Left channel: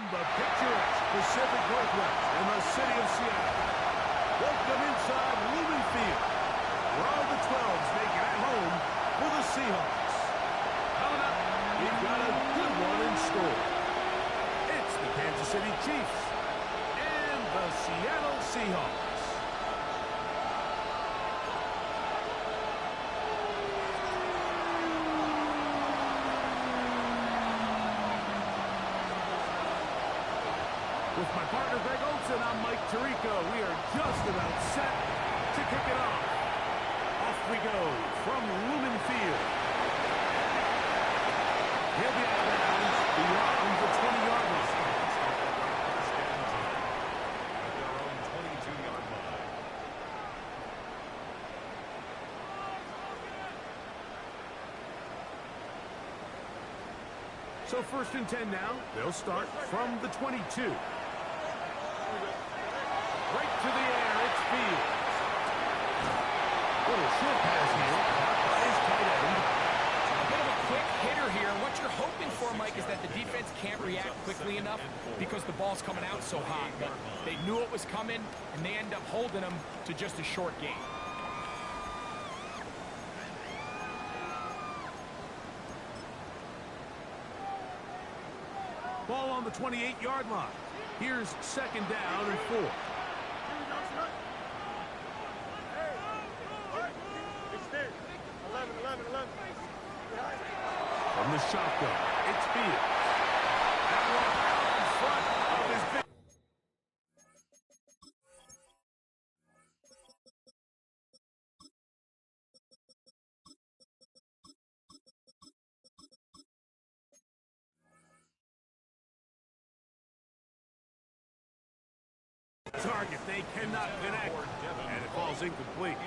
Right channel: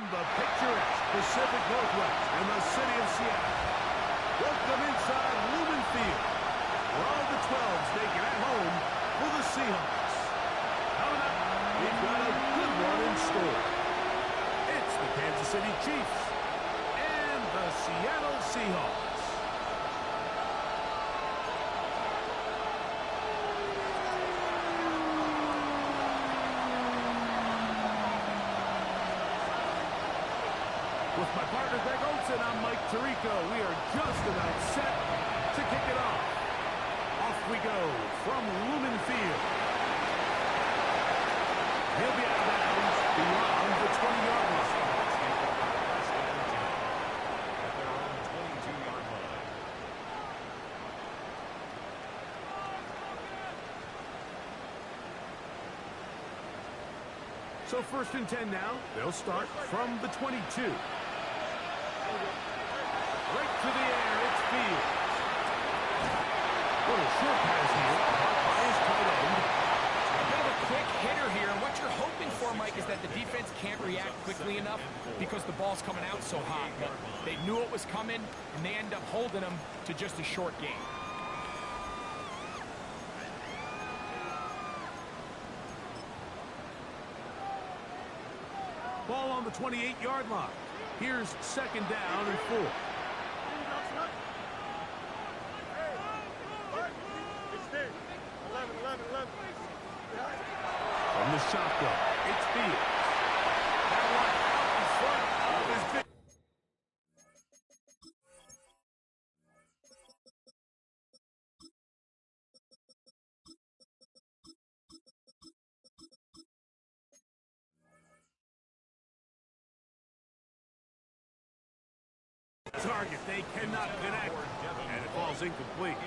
From the picturesque Pacific Northwest in the city of Seattle, welcome inside Lumen Field, where all the 12s make it at home for the Seahawks. Coming up, we've got a good one in store. It's the Kansas City Chiefs and the Seattle Seahawks. With my partner, Greg Olsen, I'm Mike Tirico. We are just about set to kick it off. Off we go from Lumen Field. He'll be out of bounds beyond the 20-yard line. First and 10 at their own 22-yard line. So first and 10 now. They'll start from the 22. Right to the air, it's Fields. Little short pass here, caught by his tight end. A bit of a quick hitter here, and what you're hoping for, Mike, is that the defense can't react quickly enough because the ball's coming out so hot. But they knew it was coming, and they end up holding them to just a short gain. Ball on the 28-yard line. Here's second down and 4. From the shotgun, it's Fields. That one out in front of his big. Target, they cannot connect, and it falls incomplete.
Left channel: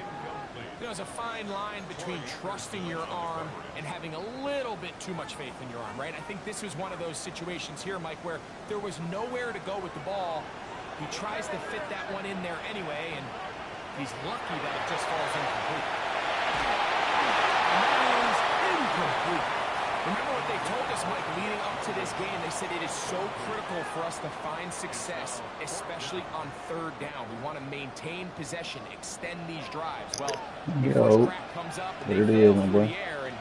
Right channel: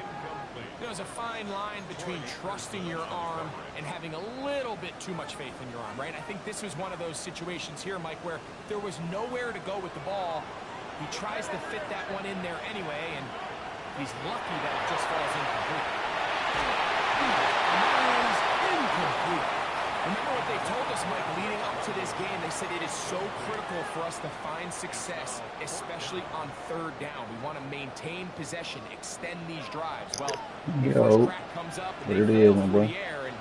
There's a fine line between trusting your arm and having a little bit too much faith in your arm, right? I think this was one of those situations here, Mike, where there was nowhere to go with the ball. He tries to fit that one in there anyway, and he's lucky that it just falls incomplete. And that is incomplete. Remember what they told us, Mike, leading up to this game? They said it is so critical for us to find success, especially on third down. We want to maintain possession, extend these drives. Well, the first crack comes up, and they fail through the air, and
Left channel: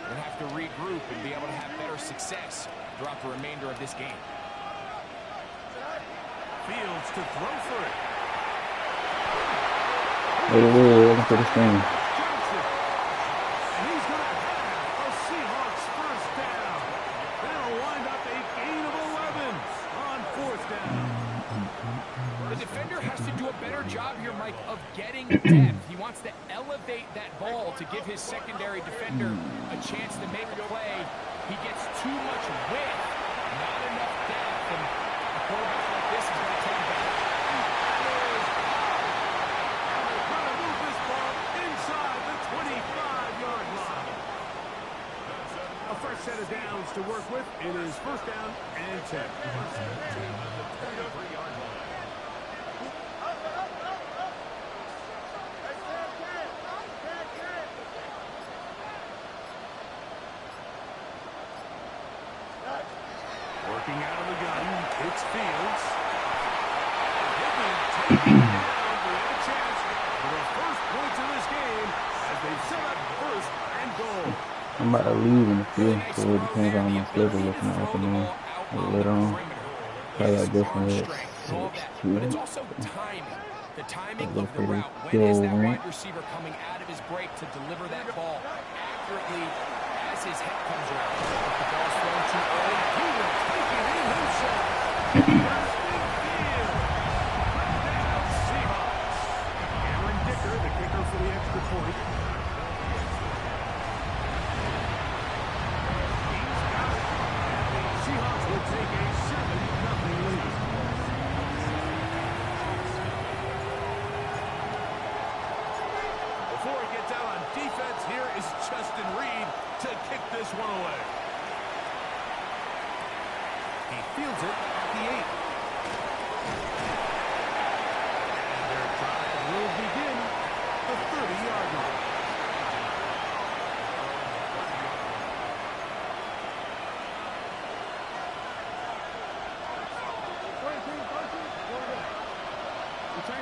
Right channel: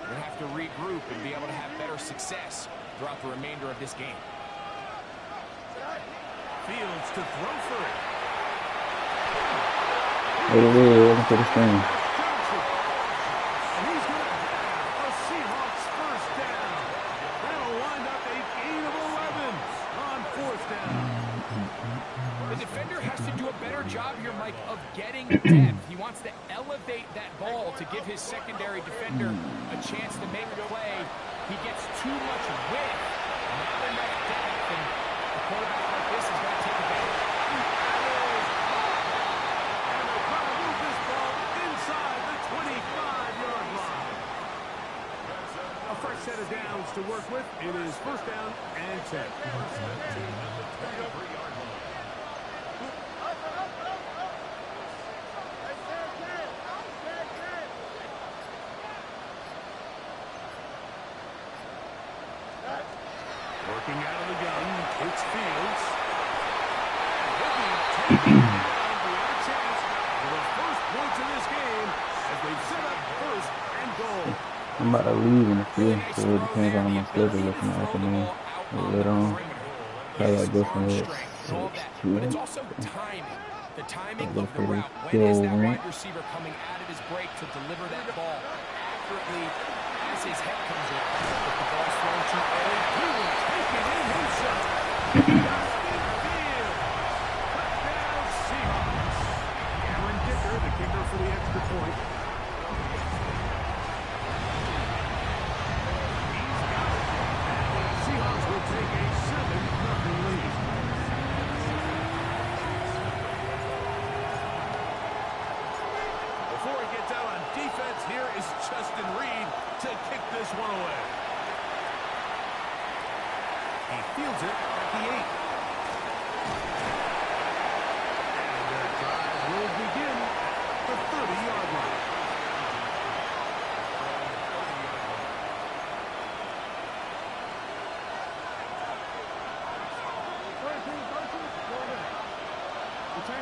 we're going to have to regroup and be able to have better success throughout the remainder of this game. Fields to throw for it. Welcome to the stream. And he's going to have a Seahawks first down. That'll wind up a gain of 11 on fourth down. The defender has to do a better job here, Mike, of getting depth. He wants to elevate that ball to give his secondary defender a chance to make a play. He gets too much width, not enough depth, and a quarterback like this is going to take advantage. That is up. And they're going to move this ball inside the 25-yard line. A fresh set of downs to work with. It is first down and 10. First and 10 at the 23-yard line. Working out of the gun, it's Fields. And he'll be taken down. We have a chance for the first points of this game as they've set up first and goal. I'm about to leave in the field, so it depends on my schedule looking in the afternoon or later on. Probably like this one with But it's also timing. The timing of the route. When is that wide receiver coming out of his break to deliver that ball accurately as his head comes around? If the ball's thrown too early, He will take it in himself. Justin Fields. Touchdown Seahawks. Cameron Dicker, the kicker for the extra point. He's got it. And the Seahawks will take a 7-0 lead. Before he gets out on defense, here is Justin Reed to kick this one away. He fields it at the 8. And their drive will begin at the 30-yard line. A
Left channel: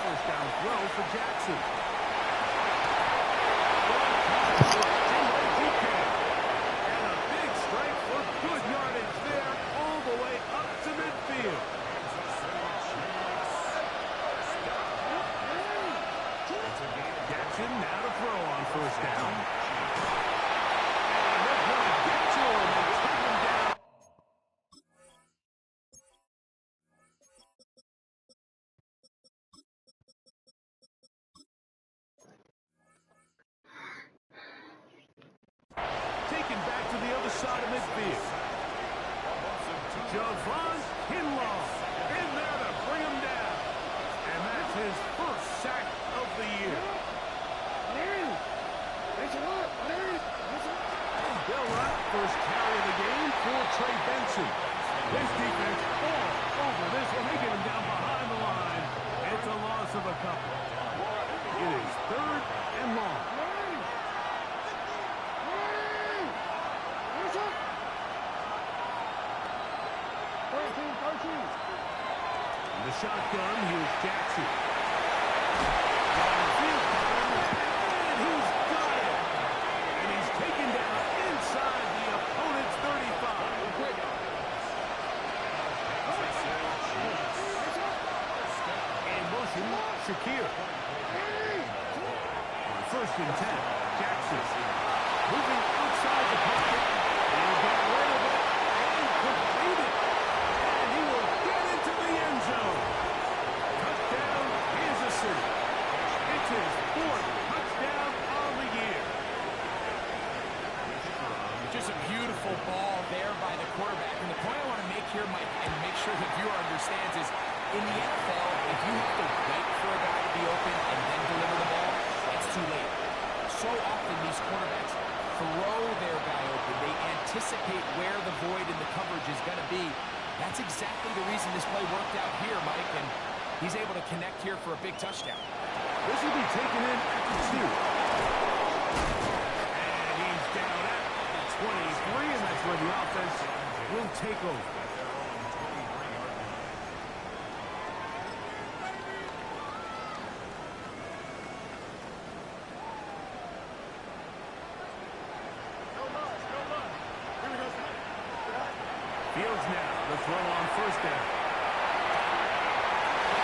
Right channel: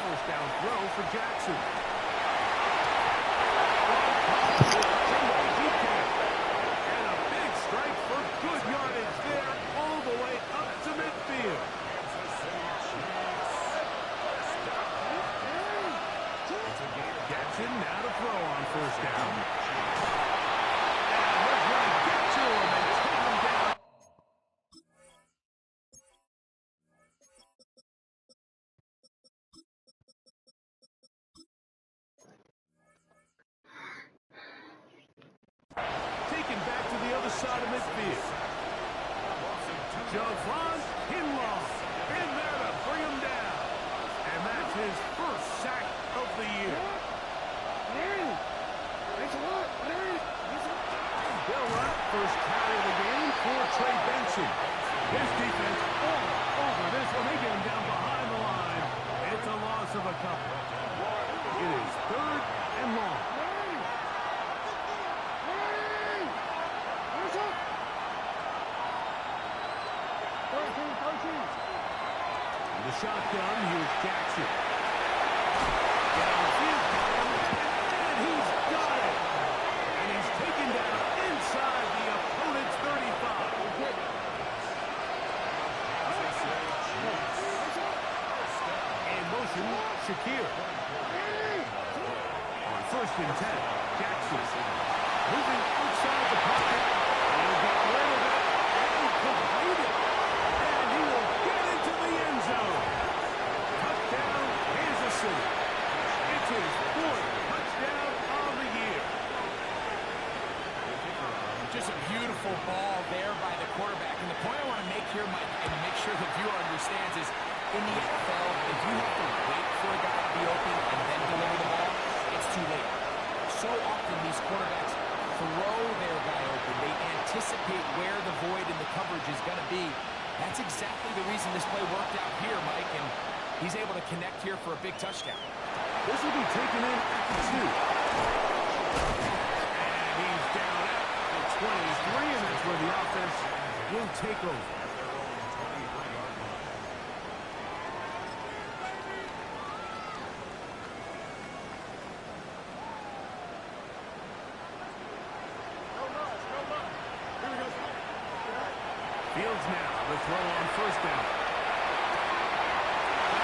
first down throw for Jackson. And a big strike for good yardage there, all the way up to midfield. Jackson now to throw on first down. And they're going to get to him and take him down. Taken back to the other side of midfield. Javon Kinlaw in there to bring him down. And that's his first sack of the year. Bill Rupp, first carry of the game for Trey Benson. His defense all over this one. They get him down behind the line. It's a loss of a couple. It is 3rd and long. In the shotgun, here's Jackson. Downfield, and he's got it. And he's taken down inside the opponent's 35. In motion, Shakir. On 1st and 10, Jackson. Moving outside the pocket. He'll get rid of it and complete it. And he will get into the end zone. Touchdown, Kansas City. It's his 4th touchdown on the year. Just a beautiful ball there by the quarterback. And the point I want to make here, Mike, and make sure the viewer understands is, in the NFL, if you have to wait for a guy to be open and then deliver the ball, it's too late. So often these quarterbacks throw their guy open. They anticipate where the void in the coverage is going to be. That's exactly the reason this play worked out here, Mike, and he's able to connect here for a big touchdown. This will be taken in at the 2. And he's down at the 23, and that's where the offense will take over. At their own 23-yard line. Fields now, the throw on first down.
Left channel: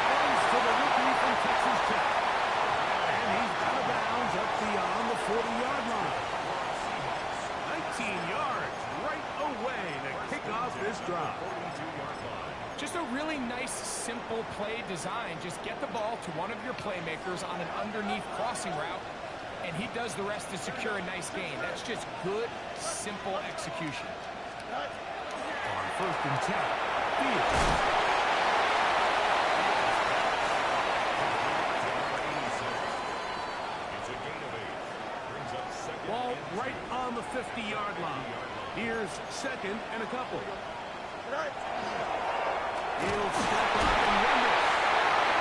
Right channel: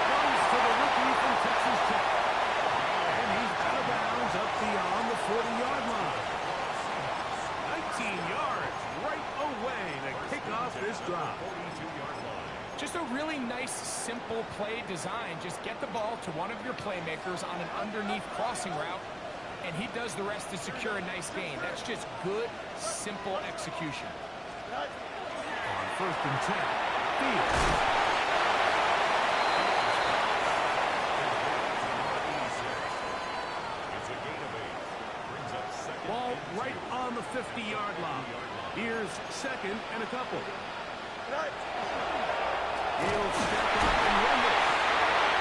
Runs to the rookie from Texas Tech. And he's out of bounds up beyond the 40-yard line. 19 yards right away to kick off this drive. 42-yard line. Just a really nice, simple play design. Just get the ball to one of your playmakers on an underneath crossing route, and he does the rest to secure a nice gain. That's just good, simple execution. On 1st and 10, Fields. It's a gain of 8. Brings up second. Ball right on the 50-yard line. Here's 2nd and a couple. He'll step up and run this.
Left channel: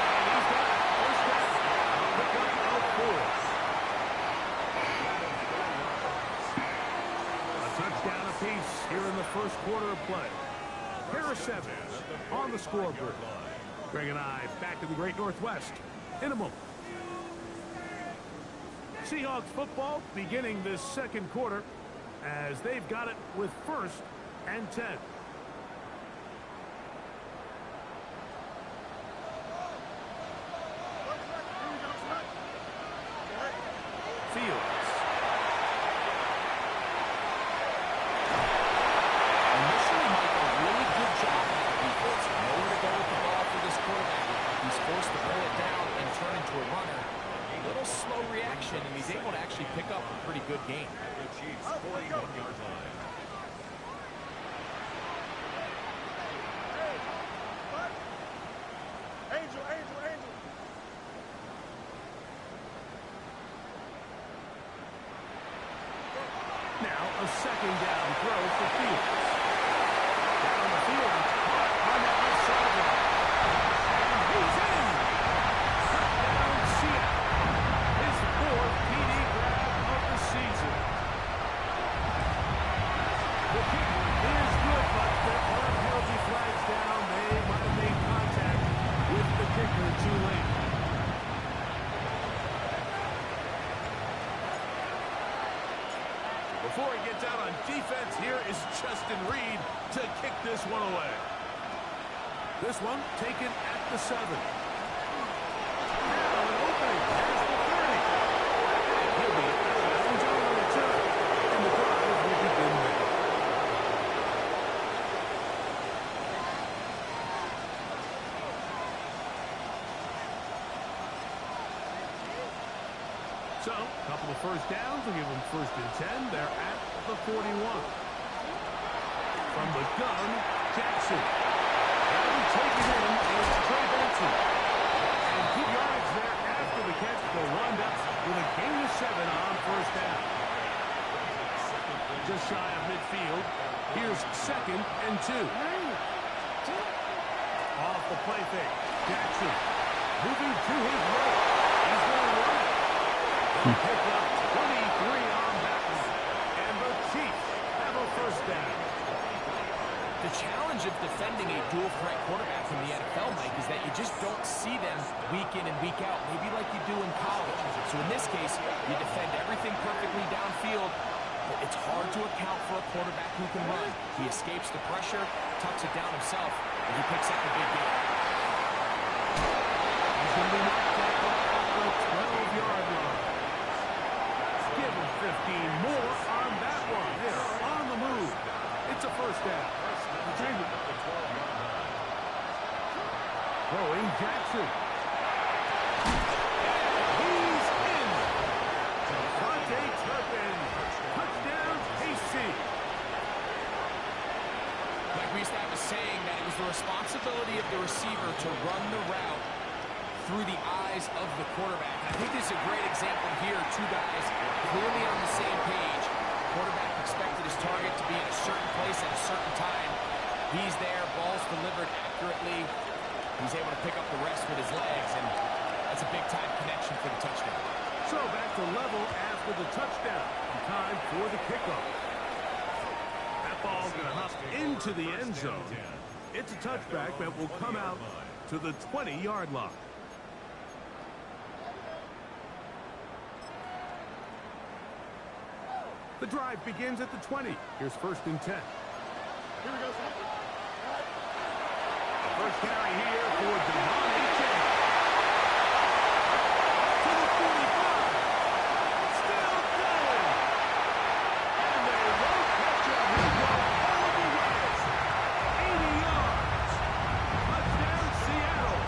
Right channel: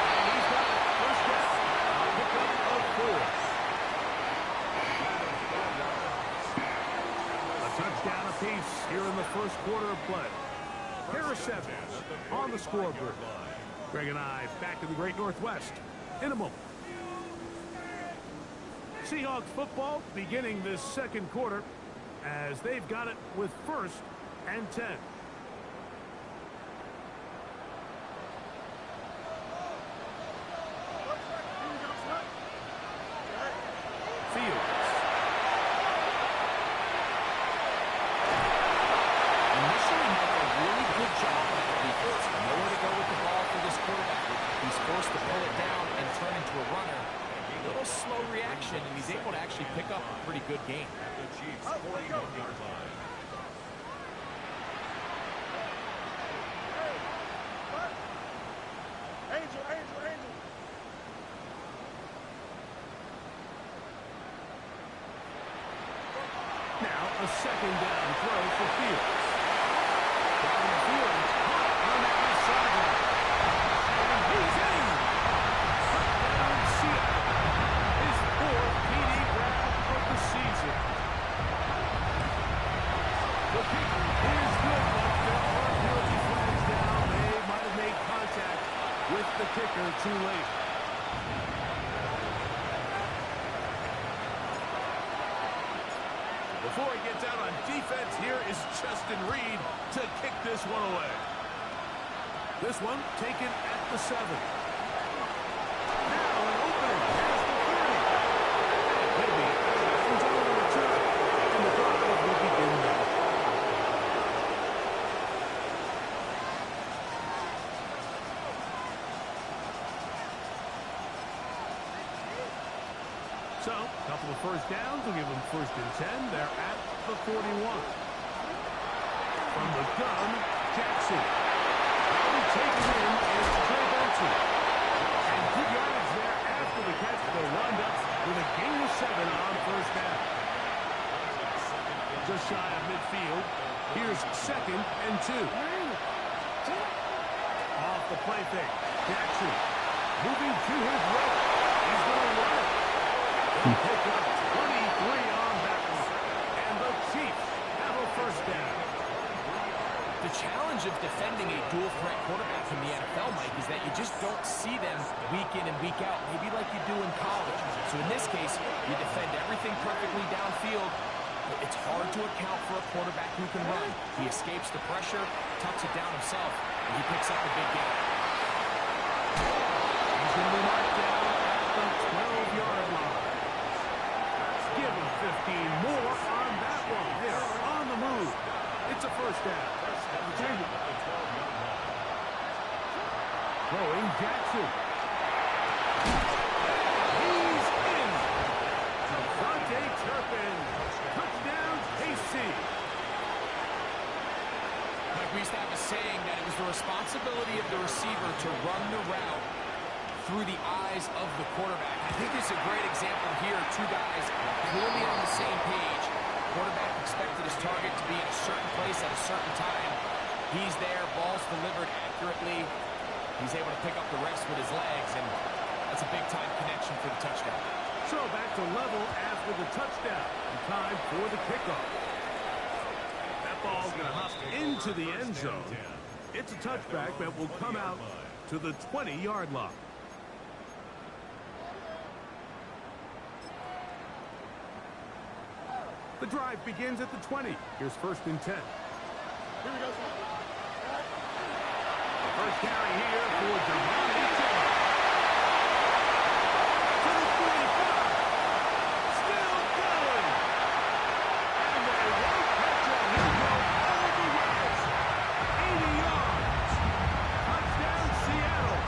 And he's got it. First down. A pickup of 4. A touchdown apiece here in the first quarter of play. Harris Evans on the scoreboard. Greg and I back in the Great Northwest in a moment. Seahawks football beginning this second quarter as they've got it with 1st and 10. Fields. Initially, Mike, a really good job by the defense. Nowhere to go with the ball for this quarterback. He's forced to pull it down and turn into a runner. A little slow reaction, and he's able to actually pick up a pretty good gain. At the Chiefs' 41-yard line. Angel. Now a 2nd down throw for Fields. Down the field, it's caught on that left sideline. And he's in. Touchdown, Seattle. His 4th TD grab of the season. The kick is good, but there are penalty Before he gets out on defense, here is Justin Reed to kick this one away. This one taken at the 7. Now an opening past the 30. And he'll be out of bounds on the return. And the drive will begin there. So, a couple of first downs will give them 1st and 10. They're at the 41. From the gun, Jackson. That'll be taken in, and it's Trey Benson. And good yardage there after the catch. They'll wind up with a gain of 7 on 1st down. Just shy of midfield. Here's 2nd and 2. Off the play fake. Jackson moving to his right. He's going to run it. They'll pick up 23 on that one. And the Chiefs have a 1st down. The challenge of defending a dual-threat quarterback in the NFL, Mike, is that you just don't see them week in and week out, maybe like you do in college. So in this case, you defend everything perfectly downfield, but it's hard to account for a quarterback who can run. He escapes the pressure, tucks it down himself, and he picks up a big gain. He's going to be marked down at the 12-yard line. Give him 15 more on that one. They're on the move. It's a 1st down. Throwing Jackson. He's in. Devontae Turpin. Touchdown, KC. Like we used to have a saying that it was the responsibility of the receiver to run the route through the eyes of the quarterback. I think this is a great example here. 2 guys clearly on the same page. Quarterback expected his target to be in a certain place at a certain time. He's there, ball's delivered accurately. He's able to pick up the rest with his legs, and that's a big-time connection for the touchdown. So back to level after the touchdown. And time for the kickoff. That ball's going to hop into the end zone. It's a touchback that will come out to the 20-yard line. The drive begins at the 20. Here's 1st and 10. Here we go. The first carry here for Devontae James. To the 45. Still going. And they won't catch him. He'll go all the way. 80 yards. Touchdown, Seattle.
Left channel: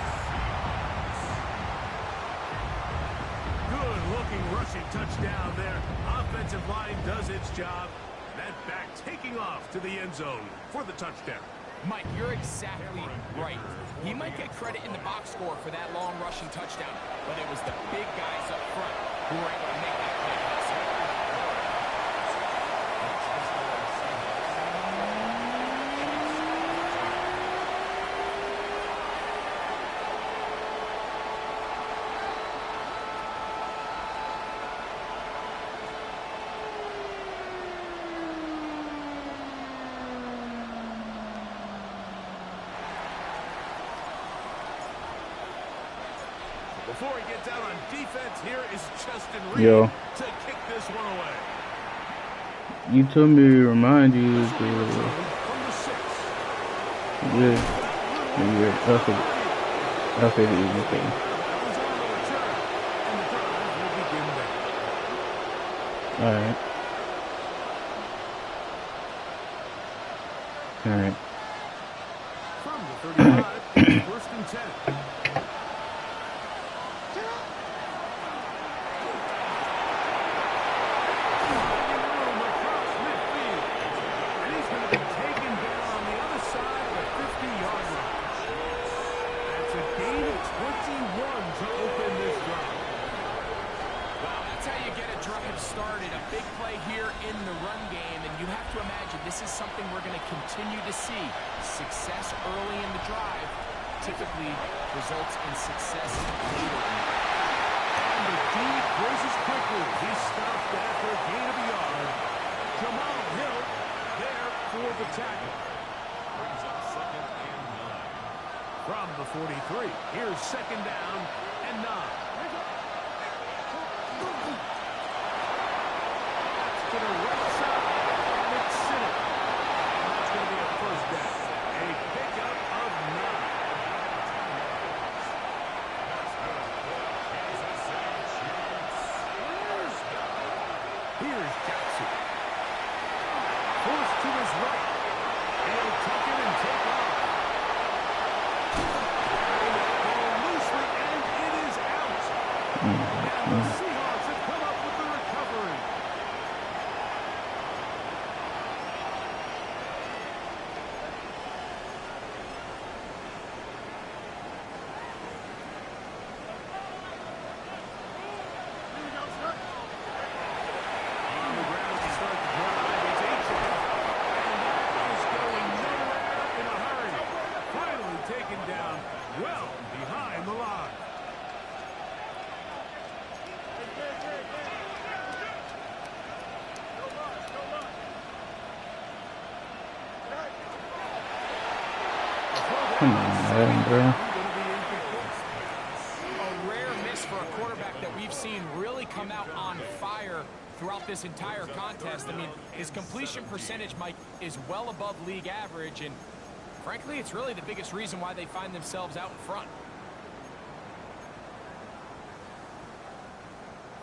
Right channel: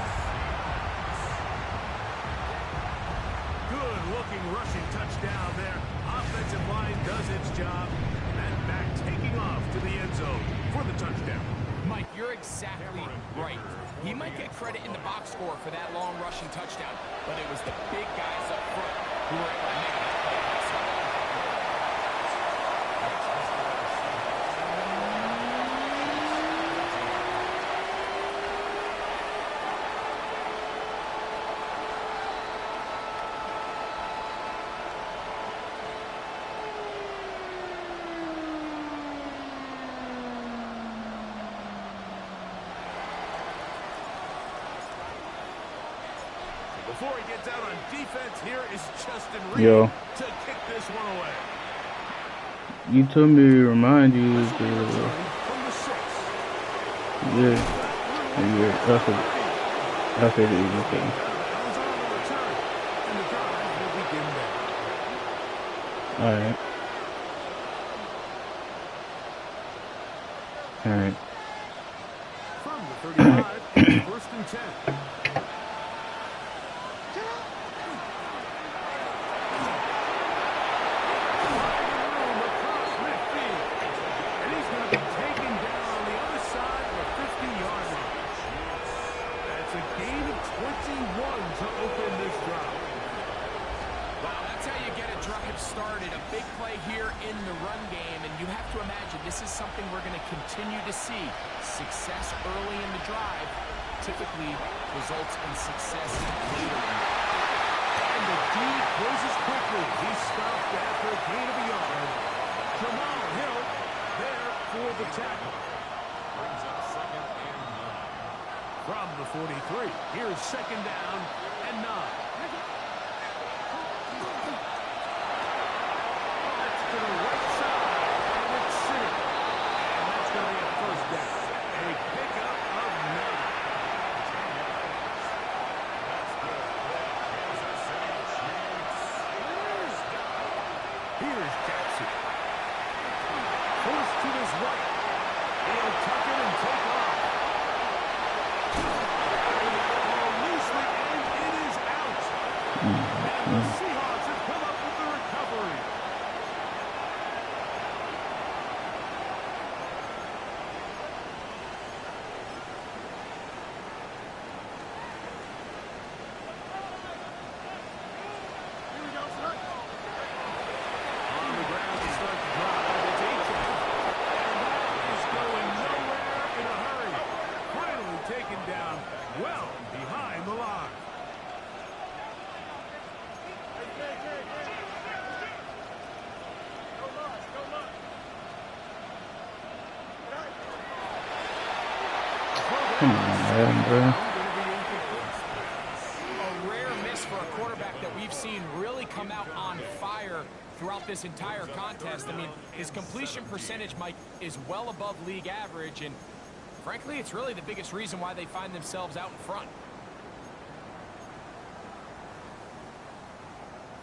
Good-looking rushing touchdown there. Offensive line does its job. That back taking off to the end zone for the touchdown. Mike, you're exactly right. He might get credit in the box score for that long rushing touchdown, but it was the big guys up front who were able to make that play possible. Before he gets out on defense, here is Justin Reed to kick this one away. You told me to remind you from the 6. Yeah. That's it. Okay. And the drive will begin there. All right. From the 35, 1st and 10. To open this drive. Wow, that's how you get a drive started. A big play here in the run game, and you have to imagine this is something we're going to continue to see. Success early in the drive typically results in success later in the drive. And the D closes quickly. He's stopped after a gain of a yard. Jamal Hill there for the tackle. Brings up 2nd and 9. From the 43, here's 2nd down and 9. That's to the right side. first down. A pickup of 9. Here's Jackson. Forced to his right. He'll tuck it and take off. Carrying that ball loosely, and it is out. And the Seahawks have come up with the recovery. On the ground to start the drive, it's H.F. And that is going nowhere in a hurry. Finally taken down well behind the line. Come on, Madden, bro. A rare miss for a quarterback that we've seen really come out on fire throughout this entire contest. I mean, his completion percentage, Mike, is well above league average, and frankly, it's really the biggest reason why they find themselves out in front.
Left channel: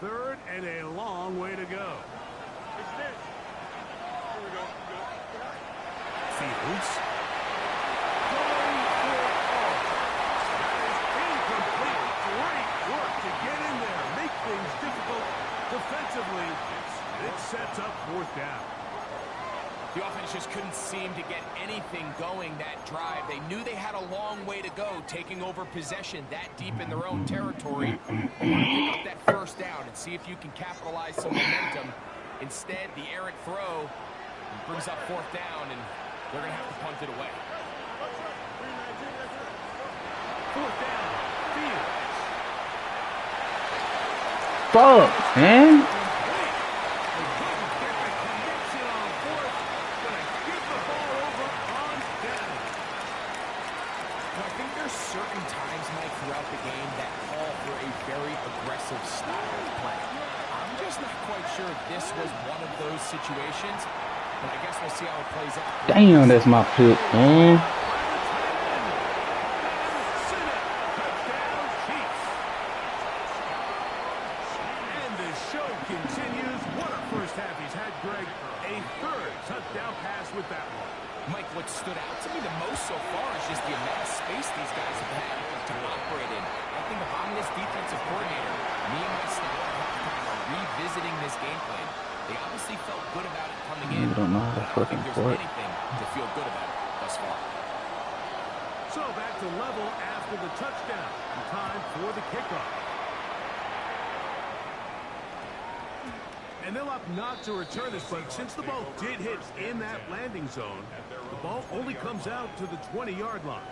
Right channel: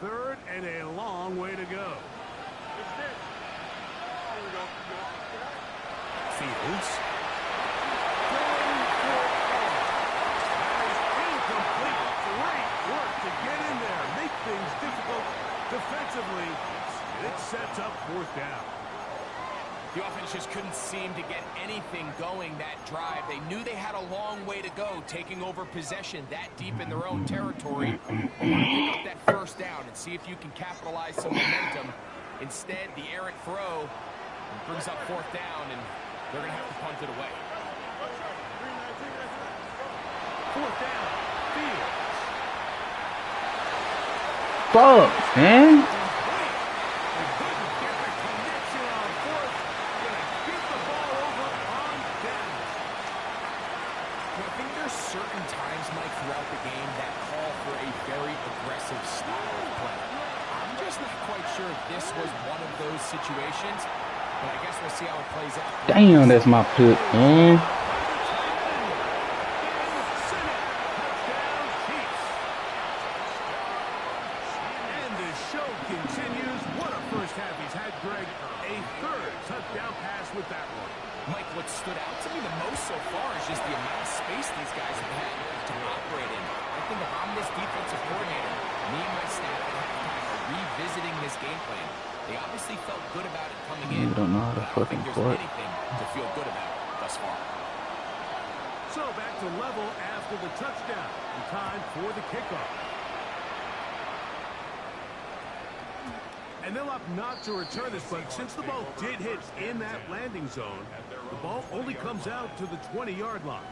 Third and a long way to go. Fields. Going for all. That is incomplete. Great work to get in there. Make things difficult defensively. And it sets up 4th down. The offense just couldn't seem to get anything going that drive. They knew they had a long way to go, taking over possession that deep in their own territory. They want to pick up that first down and see if you can capitalize some momentum. Instead, the errant throw brings up 4th down, and they're going to have to punt it away. 4th down. Fields. Fuck, man. They couldn't get the connection on 4th. Gonna give the ball over on down. I think there's certain times, Mike, throughout the game that call for a very aggressive style of play. I'm just not quite sure if this was one of those situations, but I guess we'll see how it plays out. Damn, that's my pick, man. Continues. What a first half he's had, Greg. A 3rd touchdown pass with that one. Mike, what stood out to me the most so far is just the amount of space these guys have had to operate in. I think if I'm this defensive coordinator, me and my staff at halftime are revisiting this game plan. They obviously felt good about it coming in. You don't know how to I don't fucking think there's court. anything to feel good about thus far. So back to level after the touchdown. And time for the kickoff. And they'll opt not to return this, but since the ball did hit in that landing zone, the ball only comes out to the 20-yard line.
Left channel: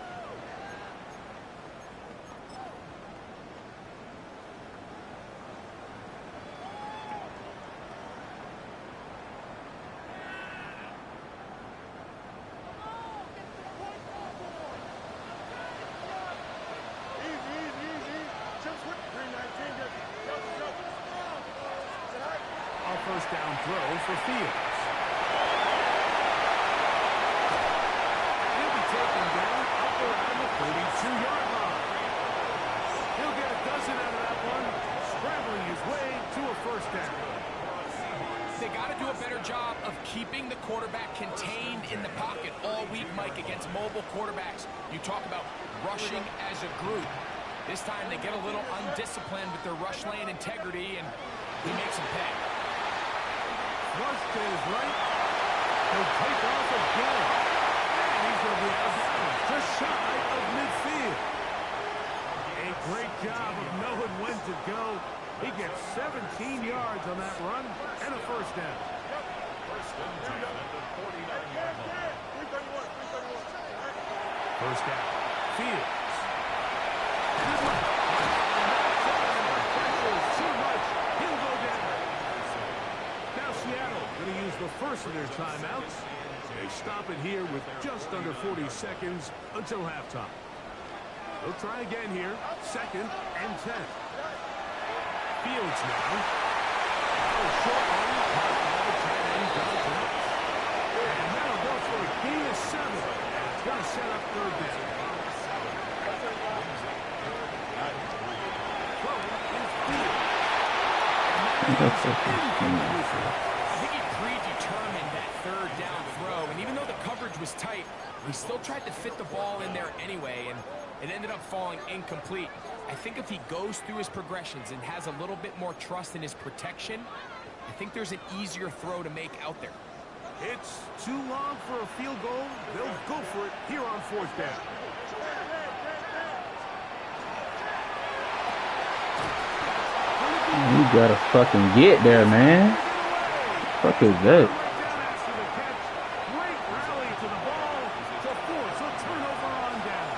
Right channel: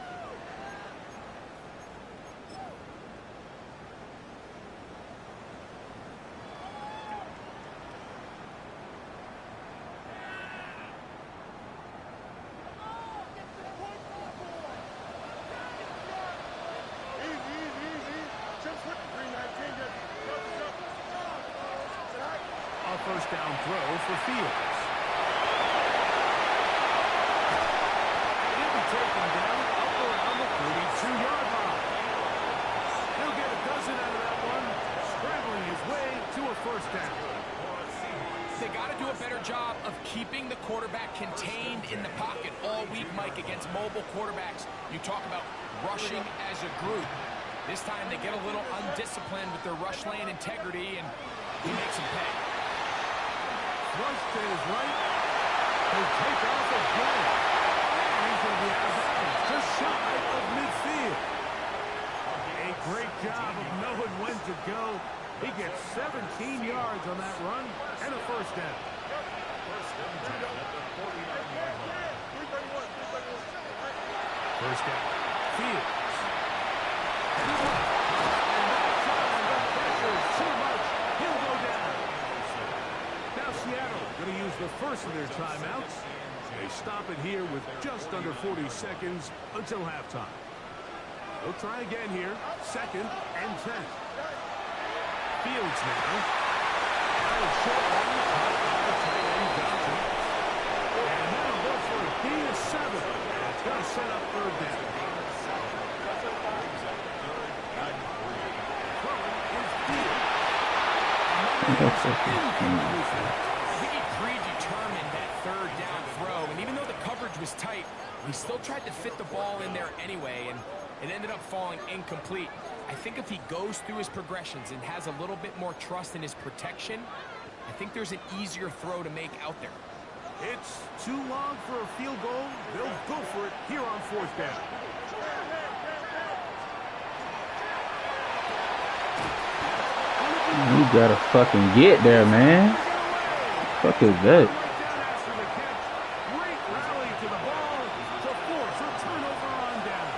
A first down throw for Fields. And he'll be taken down up around the 32-yard line. He'll get a dozen out of that one, scrambling his way to a first down. They got to do a better job of keeping the quarterback contained in the pocket all week, Mike, against mobile quarterbacks. You talk about rushing as a group. This time they get a little undisciplined with their rush lane integrity, and he makes them pay. Rush to his right. He'll take off again. And he's going to be out of bounds, just shy of midfield. A great job of knowing when to go. He gets 17 yards on that run and a first down. First down. Fields. And his left. And that time, the pressure is too much. He'll go down. Now Seattle going to use the first of their timeouts. They stop it here with just under 40 seconds until halftime. They'll try again here. 2nd and 10. Fields now. Now a short one caught by tight end Johnson. And that'll go for a gain of 7. I think he predetermined that third down throw, and even though the coverage was tight, he still tried to fit the ball in there anyway, and it ended up falling incomplete. I think if he goes through his progressions and has a little bit more trust in his protection, I think there's an easier throw to make out there. It's too long for a field goal. They'll go for it here on fourth down. You gotta fucking get there, man. What the fuck is that? Great rally to the ball to force a turnover on down.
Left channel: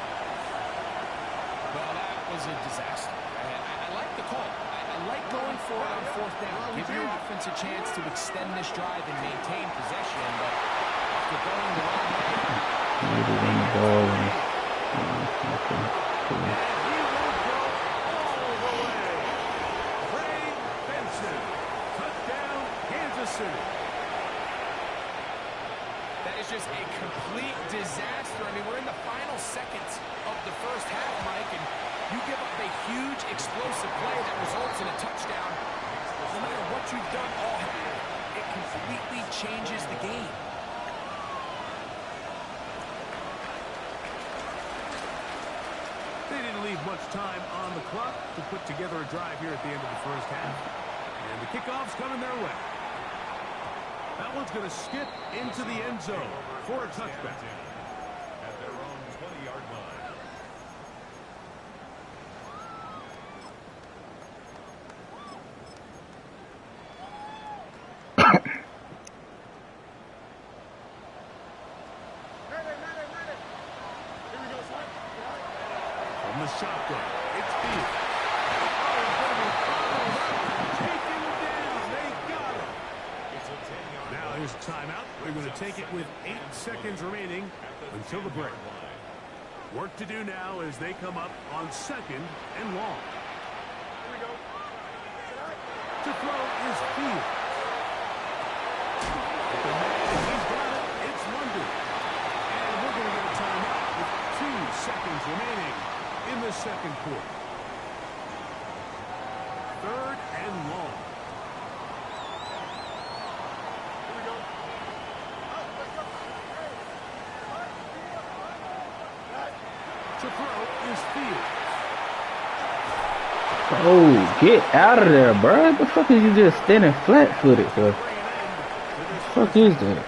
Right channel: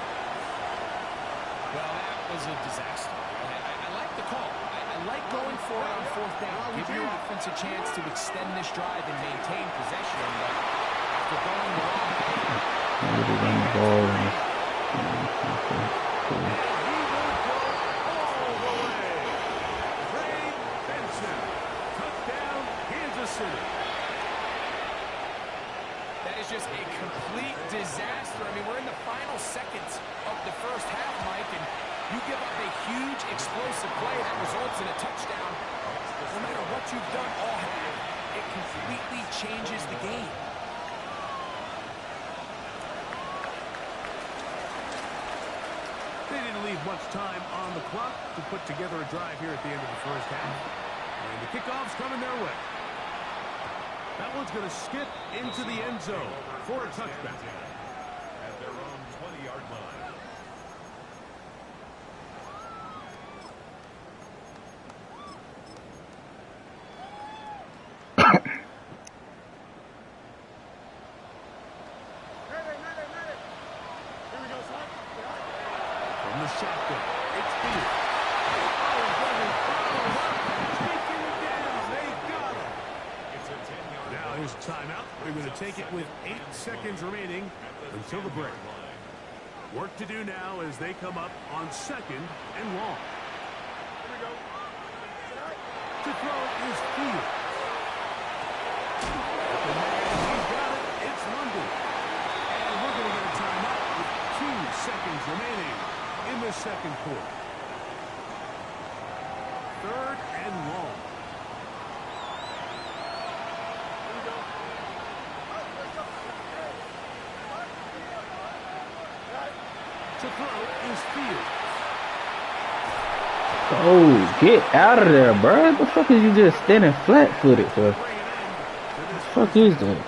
Well, that was a disaster. I like the call. I like going for it on fourth down. Give your offense a chance to extend this drive and maintain possession, but after going the wrong way, Maybe run the ball. Okay, cool. That is just a complete disaster. I mean, we're in the final seconds of the first half, Mike, and you give up a huge explosive play that results in a touchdown. No matter what you've done all half, it completely changes the game. They didn't leave much time on the clock to put together a drive here at the end of the first half. And the kickoff's coming their way. That one's going to skip into the end zone for a touchback. At their own 20-yard line. From the shotgun, it's Field. Oh, he's going to be followed up, taken down. They got him. It's a 10-yard Now here's a timeout. They're going to take it with 8 seconds remaining until the break. Work to do now as they come up on second and long. Here we go. To throw is Field. Open man, he's got it. It's London. And we're going to get a timeout with 2 seconds remaining in the second quarter. Third and long. Here we go. To throw is Field. Oh, get out of there, bro. What the fuck is you just standing flat-footed for? What the fuck is that?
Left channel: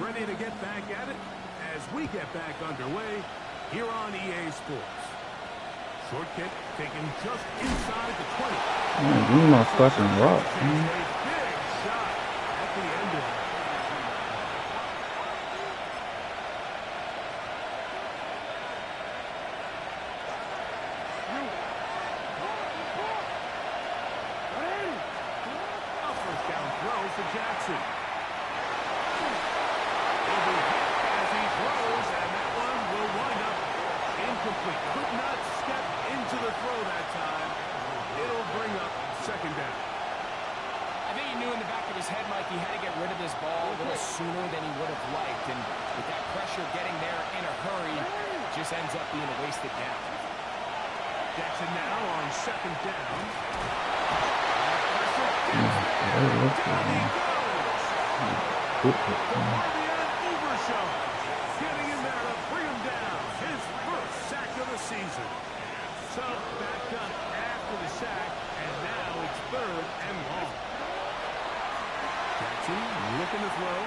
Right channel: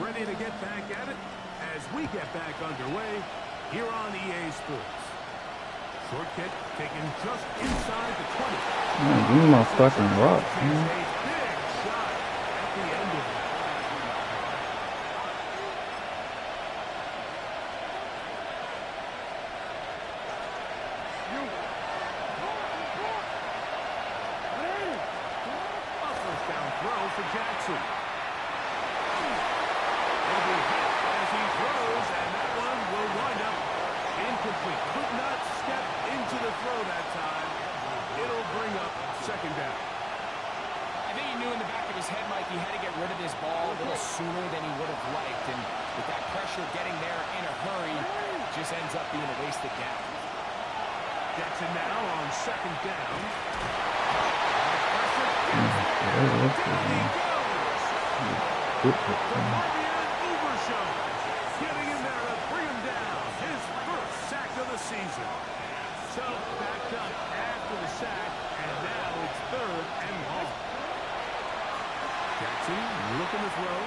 Ready to get back at it as we get back underway here on EA Sports. Short kick taken just inside the 20. Man, give me my fucking rock, man. A big shot at the end of it. A first down throw for Jackson. He'll be hit as he throws, and that one will wind up incomplete. Could not step into the throw that time. It'll bring up second down. I think he knew in the back of his head, Mike, he had to get rid of this ball a little sooner than he would have liked. And with that pressure getting there in a hurry, it just ends up being a wasted down. Jackson now on second down. Pressure gets there. Down he goes. Getting in there to bring him down. His first sack of the season. So back up after the sack, and now it's third and long. Jackson looking to throw.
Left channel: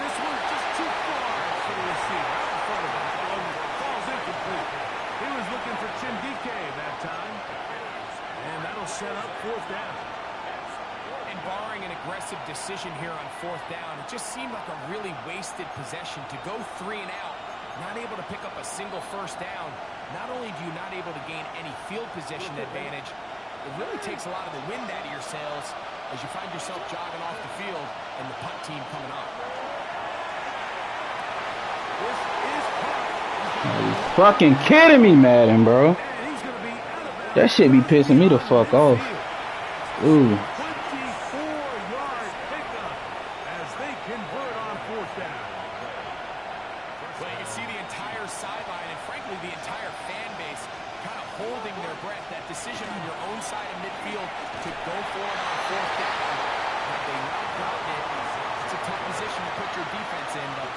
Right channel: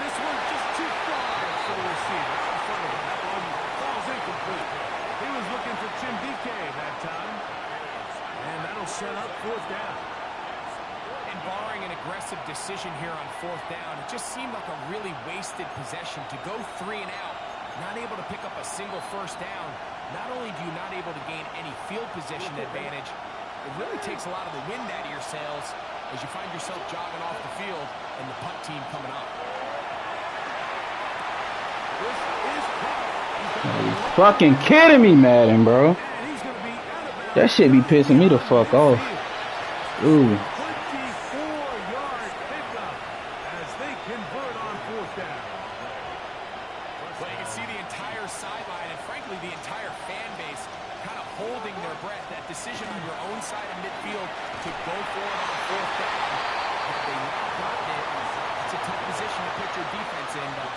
This one's just too far for the receiver. Out in front of him. That one falls incomplete. He was looking for Chindike that time. And that'll set up fourth down. And barring an aggressive decision here on fourth down, it just seemed like a really wasted possession to go 3 and out, not able to pick up a single first down. Not only do you not able to gain any field position advantage, it really takes a lot of the wind out of your sails as you find yourself jogging off the field and the punt team coming on. This is caught. Are you fucking kidding me, Madden, bro? And he's going to be out of bounds. That shit be pissing me the fuck off. Ooh. 24-yard pickup as they convert on fourth down. Well, you can see the entire sideline and, frankly, the entire fan base kind of holding their breath. That decision on your own side of midfield to go for it on fourth down. Had they not gotten it, it's a tough position to put your defense in, but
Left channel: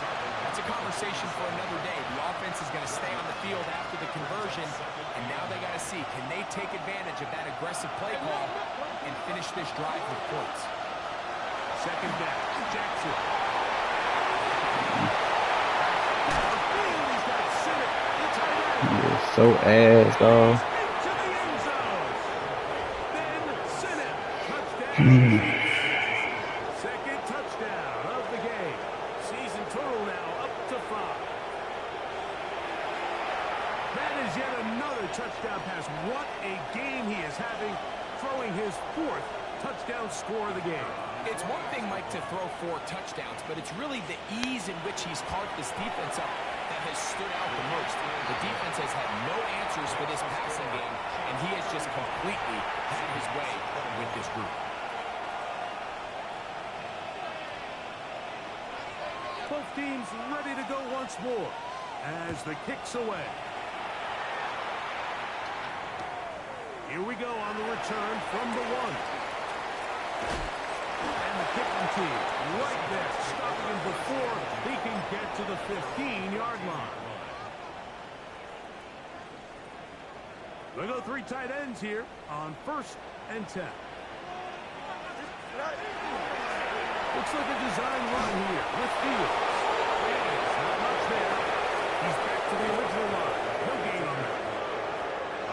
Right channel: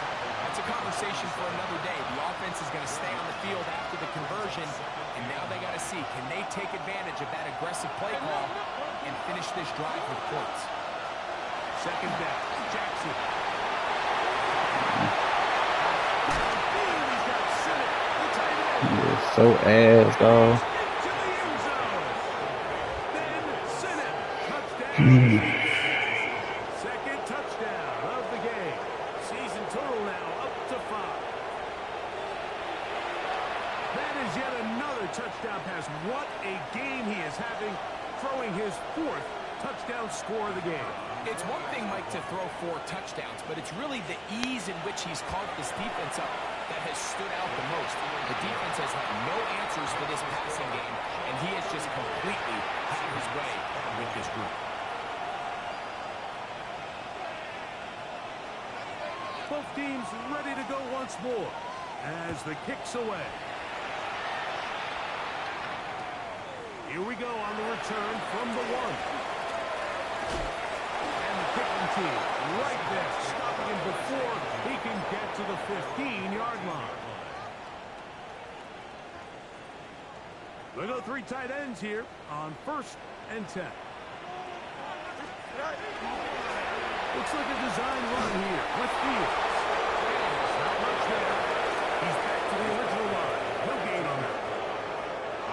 that's a conversation for another day. The offense is going to stay on the field after the conversion, and now they got to see, can they take advantage of that aggressive play call and finish this drive with points? Second down, Jackson. Downfield, he's got Sinnott, the tight end. You're so ass, dog. Into the end zone. Then Sinnott, touchdown. Second touchdown of the game. Season total now up to 5. That is yet another touchdown pass. What a game he is having, throwing his 4th touchdown score of the game. It's one thing, Mike, to throw 4 touchdowns, but it's really the ease in which he's carved this defense up that has stood out the most. The defense has had no answers for this passing game, and he has just completely had his way with this group. Both teams ready to go once more as the kick's away. Here we go on the return from the 1. And the kicking team right there, stopping him before he can get to the 15-yard line. They go 3 tight ends here on 1st and 10. Looks like a design run here with Fields. It's not much there. He's back to the original line. No gain on that.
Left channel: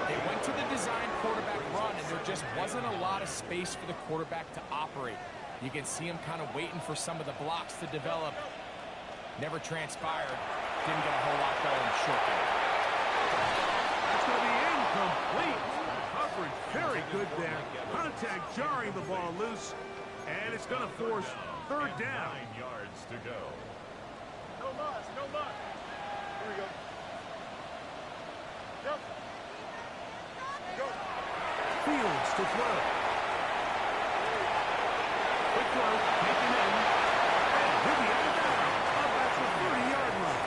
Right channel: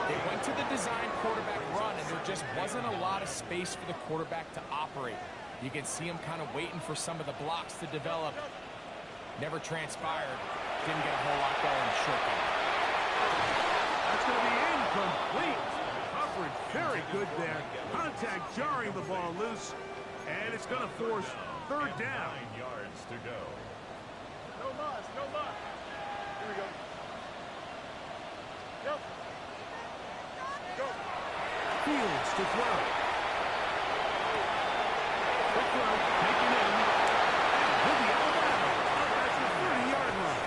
They went to the design quarterback run, and there just wasn't a lot of space for the quarterback to operate. You can see him kind of waiting for some of the blocks to develop. Never transpired. Didn't get a whole lot going short game. That's going to be incomplete. Coverage very good there. Contact jarring the ball loose. And it's going to force 3rd down. 9 yards to go. No mas, no mas. Here we go. Yep. Go. Fields to throw. Quick throw, taken in. And he'll be out of bounds. Up at the 30-yard line.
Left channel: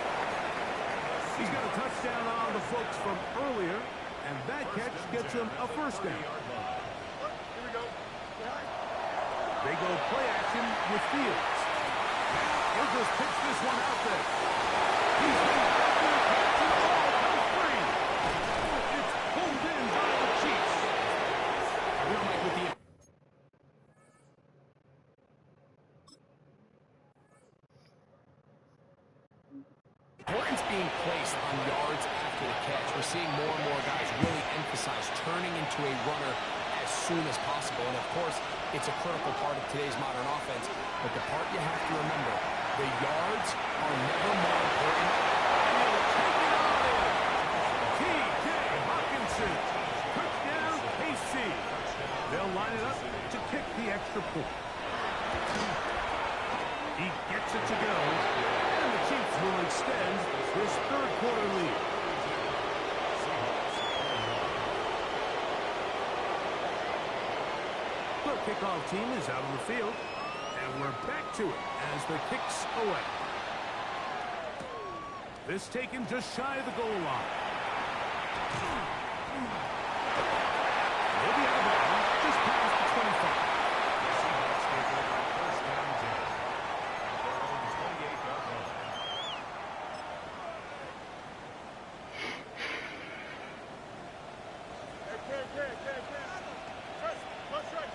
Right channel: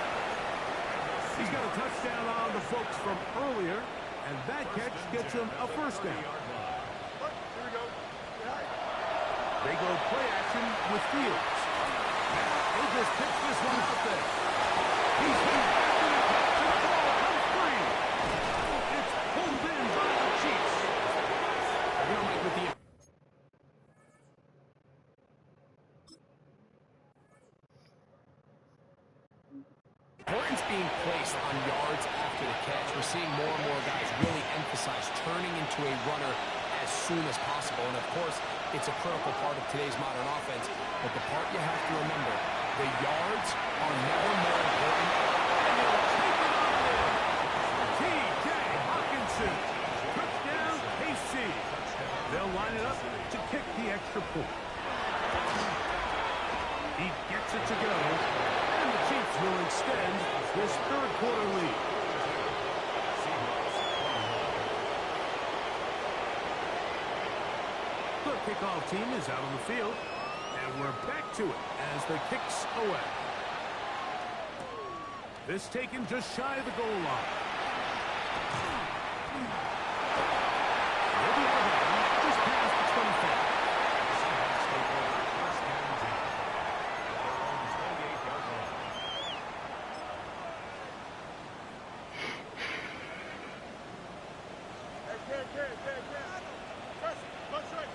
He's got a touchdown on the folks from earlier. And that catch gets him a 1st down. Here we go. Behind. They go play action with Fields. Now he'll just pitch this one out there. He's been after the catch and the ball comes free. It's pulled in by the Chiefs. You know, Mike, with the importance being placed on yards after the catch, we're seeing more and more guys really emphasize turning into a runner as soon as possible. And, of course, it's a critical part of today's modern offense. But the part you have to remember, the yards are never more important. And he'll take it on in. T.J. Hawkinson. Touchdown, KC. They'll line it up to kick the extra point. He gets it to go. And the Chiefs will extend this 3rd quarter lead. The kickoff team is out on the field, and we're back to it as the kick's away. This taken just shy of the goal line. He'll be out of bounds just past the 25. The Seahawks take over 1st and 10 at their own 28-yard line. Hey, Trust, much right.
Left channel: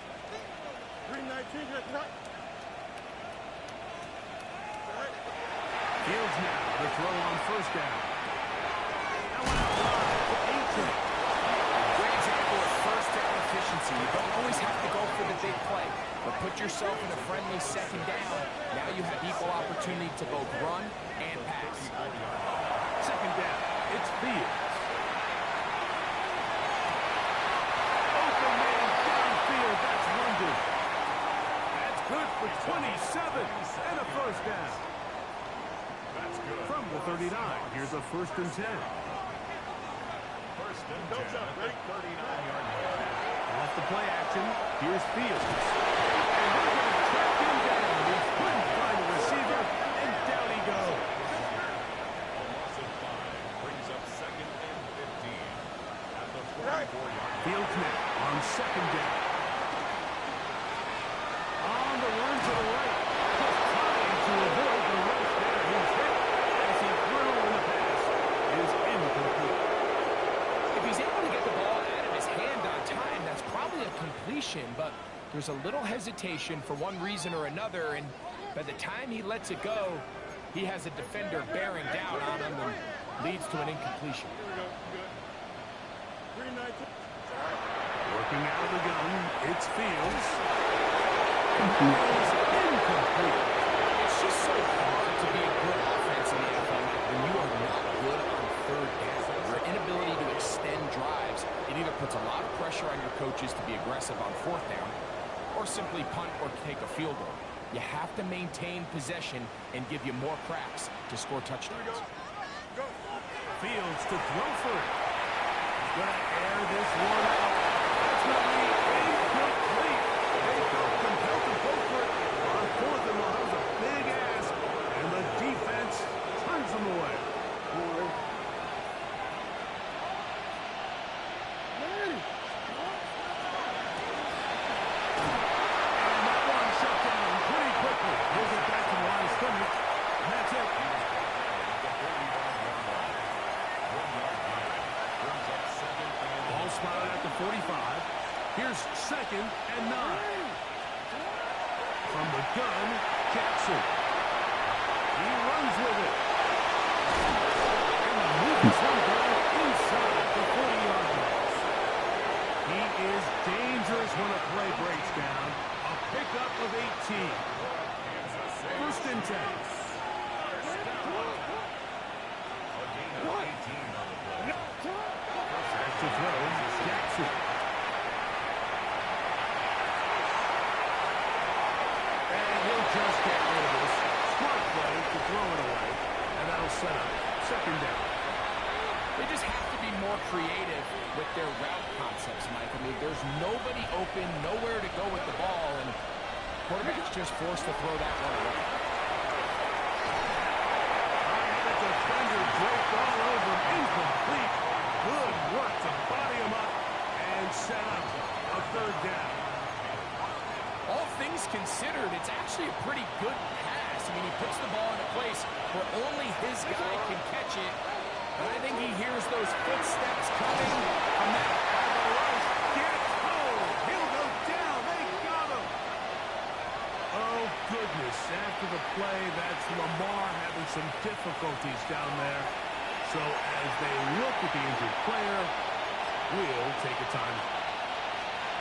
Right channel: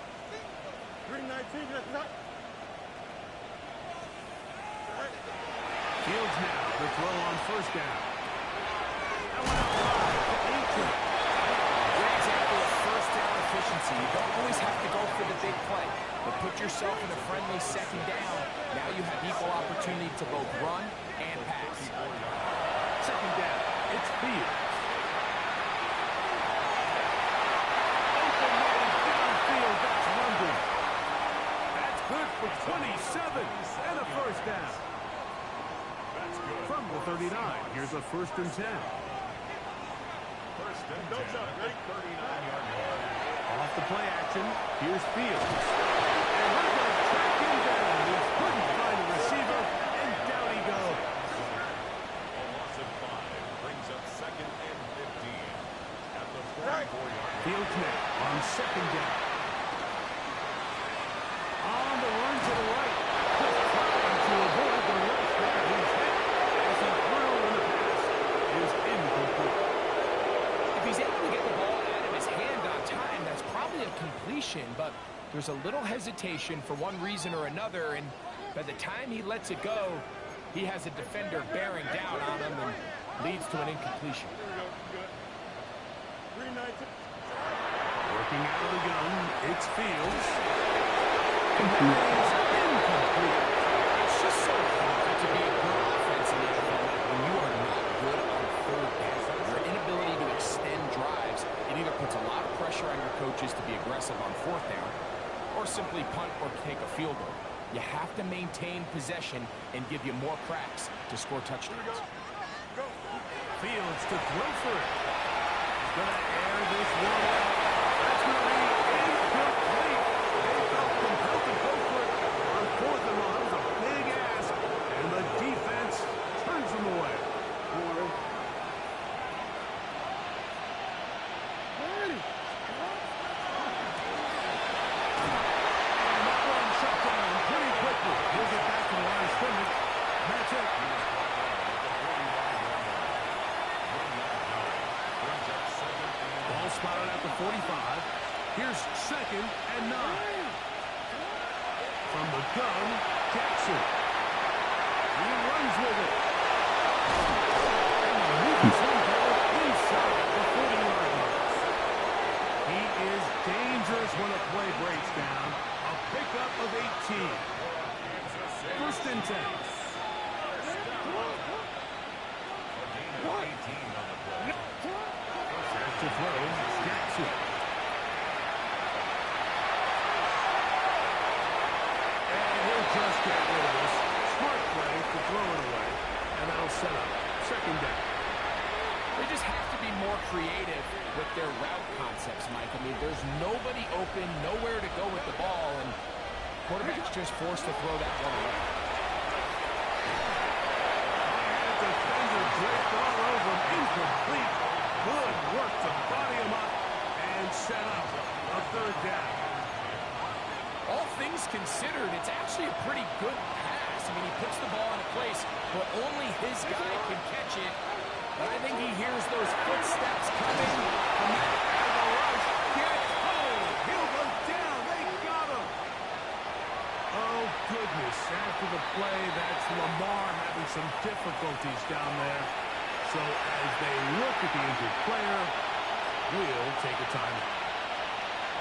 Green 19, that's not. Fields now to throw on 1st down. That one out wide to Aiken. great example of 1st down efficiency. You don't always have to go for the big play, but put yourself in a friendly 2nd down. Now you have equal opportunity to both run and pass. 2nd down. It's Fields. Open man downfield. That's London. That's good for 27 and a 1st down. That's good. From the 39. Here's a 1st and 10. First and 10 at the 39-yard line. Off the play action, here's Fields. And they're going to track him down. He couldn't find the receiver, and down he goes. A loss of 5 brings up 2nd and 15 at the 44-yard line. Fields now on 2nd down. On the run to the right. Just trying to avoid the rush there. He's hit as he threw, and the pass is incomplete. If he's able to get the ball out of his hand on time, that's probably a completion, but there's a little hesitation for one reason or another, and by the time he lets it go, he has a defender bearing down on him and leads to an incompletion. Here we go. Good. 319. Working out of the gun, it's Fields. And that is incomplete. It's just so hard to be a good offense in the NFL when you are not good on 3rd down. Your inability to extend drives, it either puts a lot of pressure on your coaches to be aggressive on 4th down or simply punt or take a field goal. You have to maintain possession and give you more cracks to score touchdowns. Go. Fields to throw for it. He's going to air this one out. That's going to be incomplete. They felt compelled to go for it on 4th and long. That was a big ask, and the defense turns them away. And that one shut down pretty quickly. He'll get back to the line of scrimmage. And that's it. He was brought down at the 45-yard line. 1-yard gain brings up 2nd and Ball spotted at the 45. Here's 2nd and 9. From the gun, Jackson. He runs with it. And he moves one down inside the 40-yard line. He is dangerous when a play breaks down. A pickup of 18. 1st and 10. a gain of 18 on the play. Back to throw, Jackson. And he'll just get rid of this. Smart play to throw it away. And that'll set up 2nd down. They just have to be more creative with their route concepts, Mike. I mean, there's nobody open, nowhere to go with the ball, and quarterback's just forced to throw that one away. I had a defender draped all over him. Incomplete. Good work to body him up and set up a 3rd down. All things considered, it's actually a pretty good pass. I mean, he puts the ball in a place where only his guy can catch it. But I think he hears those footsteps coming from that And the rush gets home. He'll go down. They got him. Oh, goodness. After the play, that's Lamar having some difficulties down there. So as they look at the injured player, we'll take a timeout.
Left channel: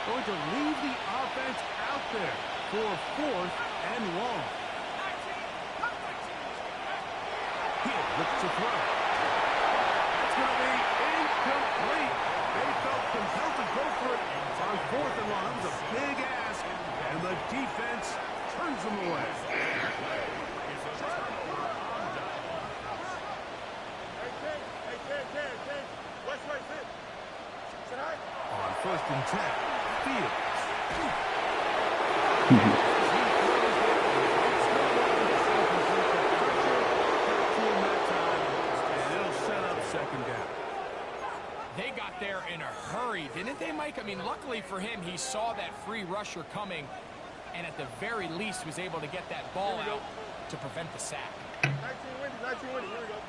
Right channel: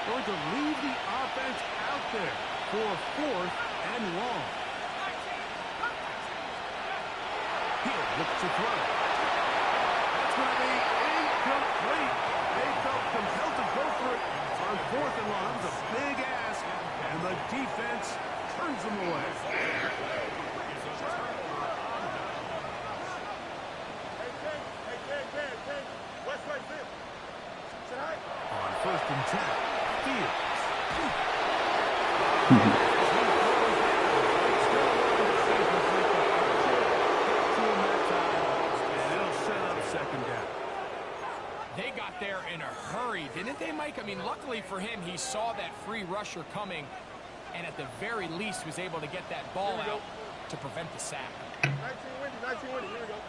Going to leave the offense out there for 4th and long. He'll look to throw. That's going to be incomplete. They felt compelled to go for it on 4th and long. It was a big ask, and the defense turns them away. Hey, West right fit. Sit high. On 1st and 10, Fields. They got there in a hurry, didn't they, Mike? I mean, luckily for him, he saw that free rusher coming, and at the very least was able to get that ball out to prevent the sack. 19 windy. Here we go.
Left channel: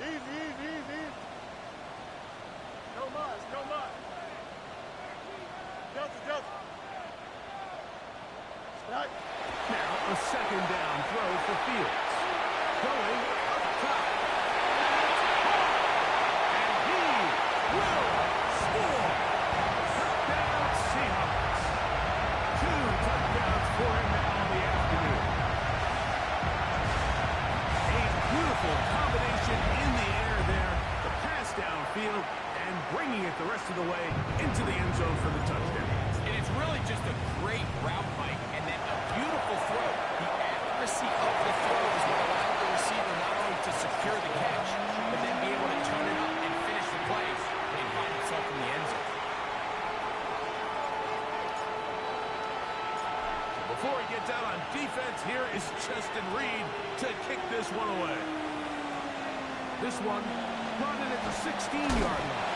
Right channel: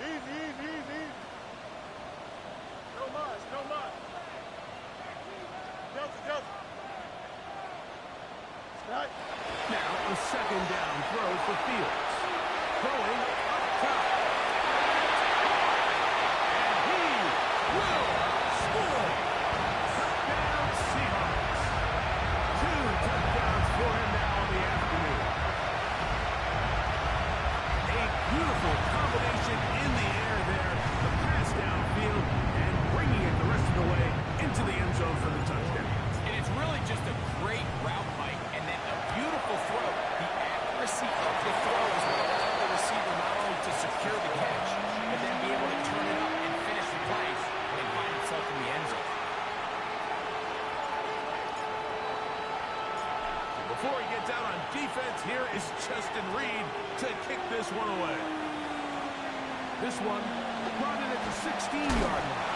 Easy. No mas. Delta. Strike. Now a 2nd down throw for Fields. Going up top. And he will score. Touchdown Seahawks. 2 touchdowns for him now in the afternoon. A beautiful combination in the air there. The pass downfield and bringing it the rest of the way into the end zone for the touchdown. And it's really just a great route, Mike, and then a beautiful throw. The accuracy of the throw is what allowed the receiver not only to secure Before he gets out on defense, here is Justin Reed to kick this one away. This one brought in at the 16-yard line.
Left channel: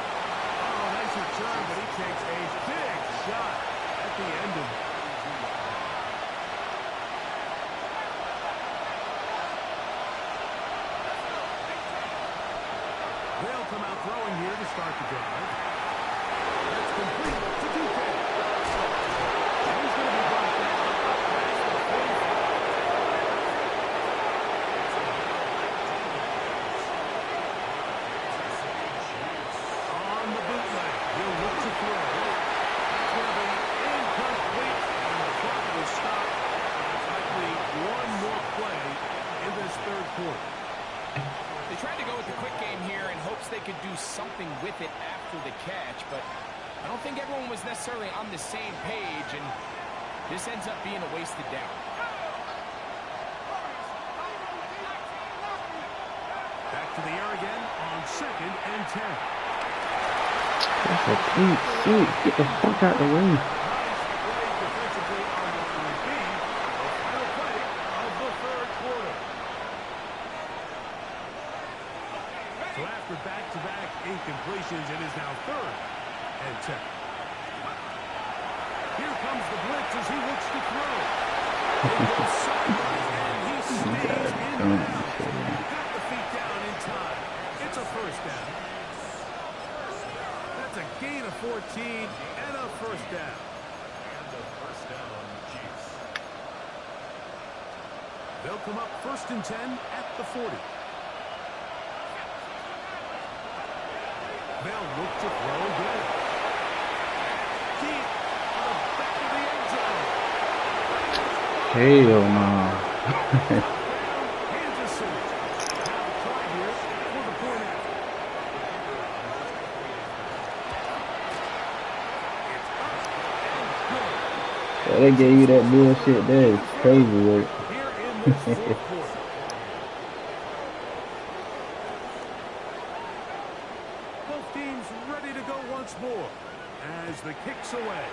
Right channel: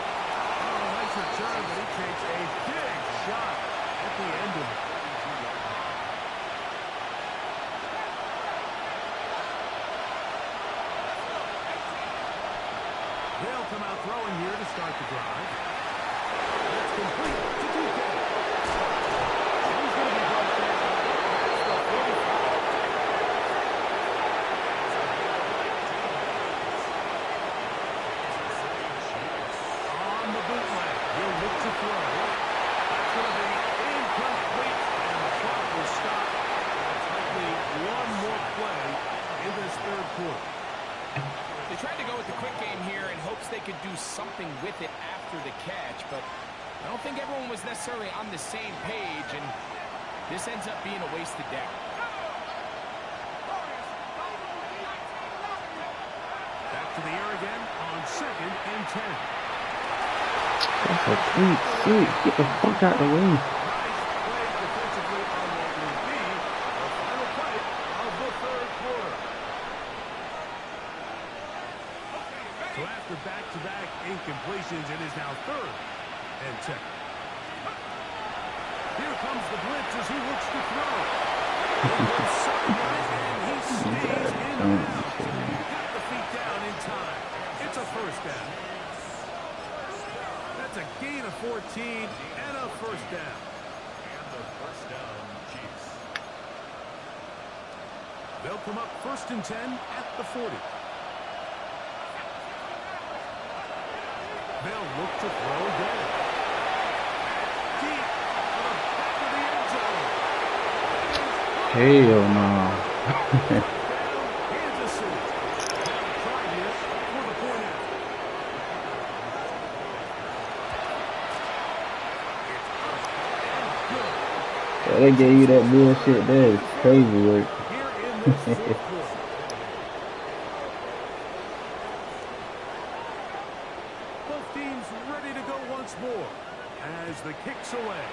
Oh, nice return, but he takes a big shot at the end of it. They'll come out throwing here to start the drive. That's complete to DK. And he's going to be brought down past the 45. On the bootleg, he'll look to throw. That's going to be incomplete, and the clock will stop. It's likely one more play in this third quarter. They tried to go with the quick game here in hopes they could do something with it after the catch, but I don't think everyone was necessarily on the same page, and this ends up being a wasted down. Back to the air again on 2nd and 10. That's a clean six. Get the fuck out the way. Nice play defensively on what will be the final play of the third quarter. So after back-to-back incompletions, it is now 3rd and 10. Here comes the blitz as he looks to throw. He goes sideline and he stays in bounds. Got the feet down in time. It's a first down. That's a gain of 14 and a first down. And the first down, Chiefs. They'll come up 1st and 10 at the 40. They'll look to throw again. Deep for the back of the end zone. Hell no. Down, Kansas City. Now the try here for the point after. It's up and good. Yeah, they gave you that bullshit there. It's crazy work. Here in this fourth quarter. Both teams ready to go once more as the kick's away.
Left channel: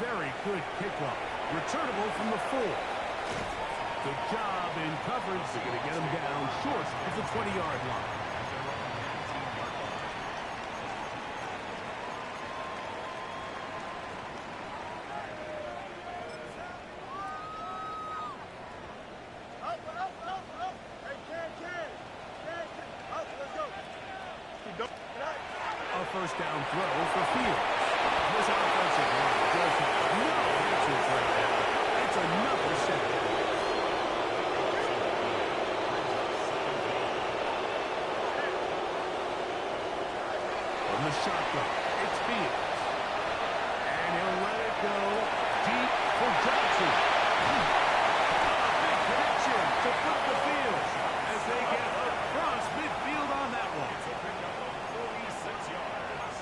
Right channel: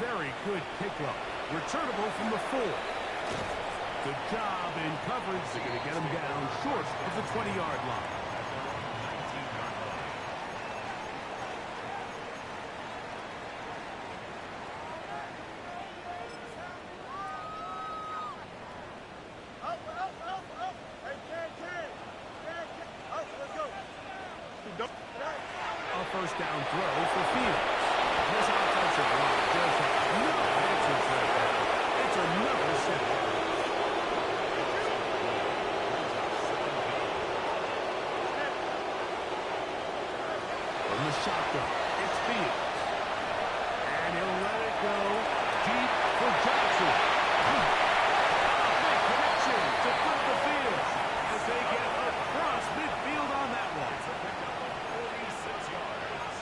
Very good kickoff. Returnable from the 4. Good job in coverage. They're going to get him down short of the 20-yard line. At their own 19-yard line. Up. Hey, can. Up, let's go. A first down throw for Fields. This offensive line just has no answers right now. It's another setback. From the shotgun, it's Fields. And he'll let it go deep for Johnson. A big connection to put the field as they get across midfield on that one. It's a pickup of 46 yards.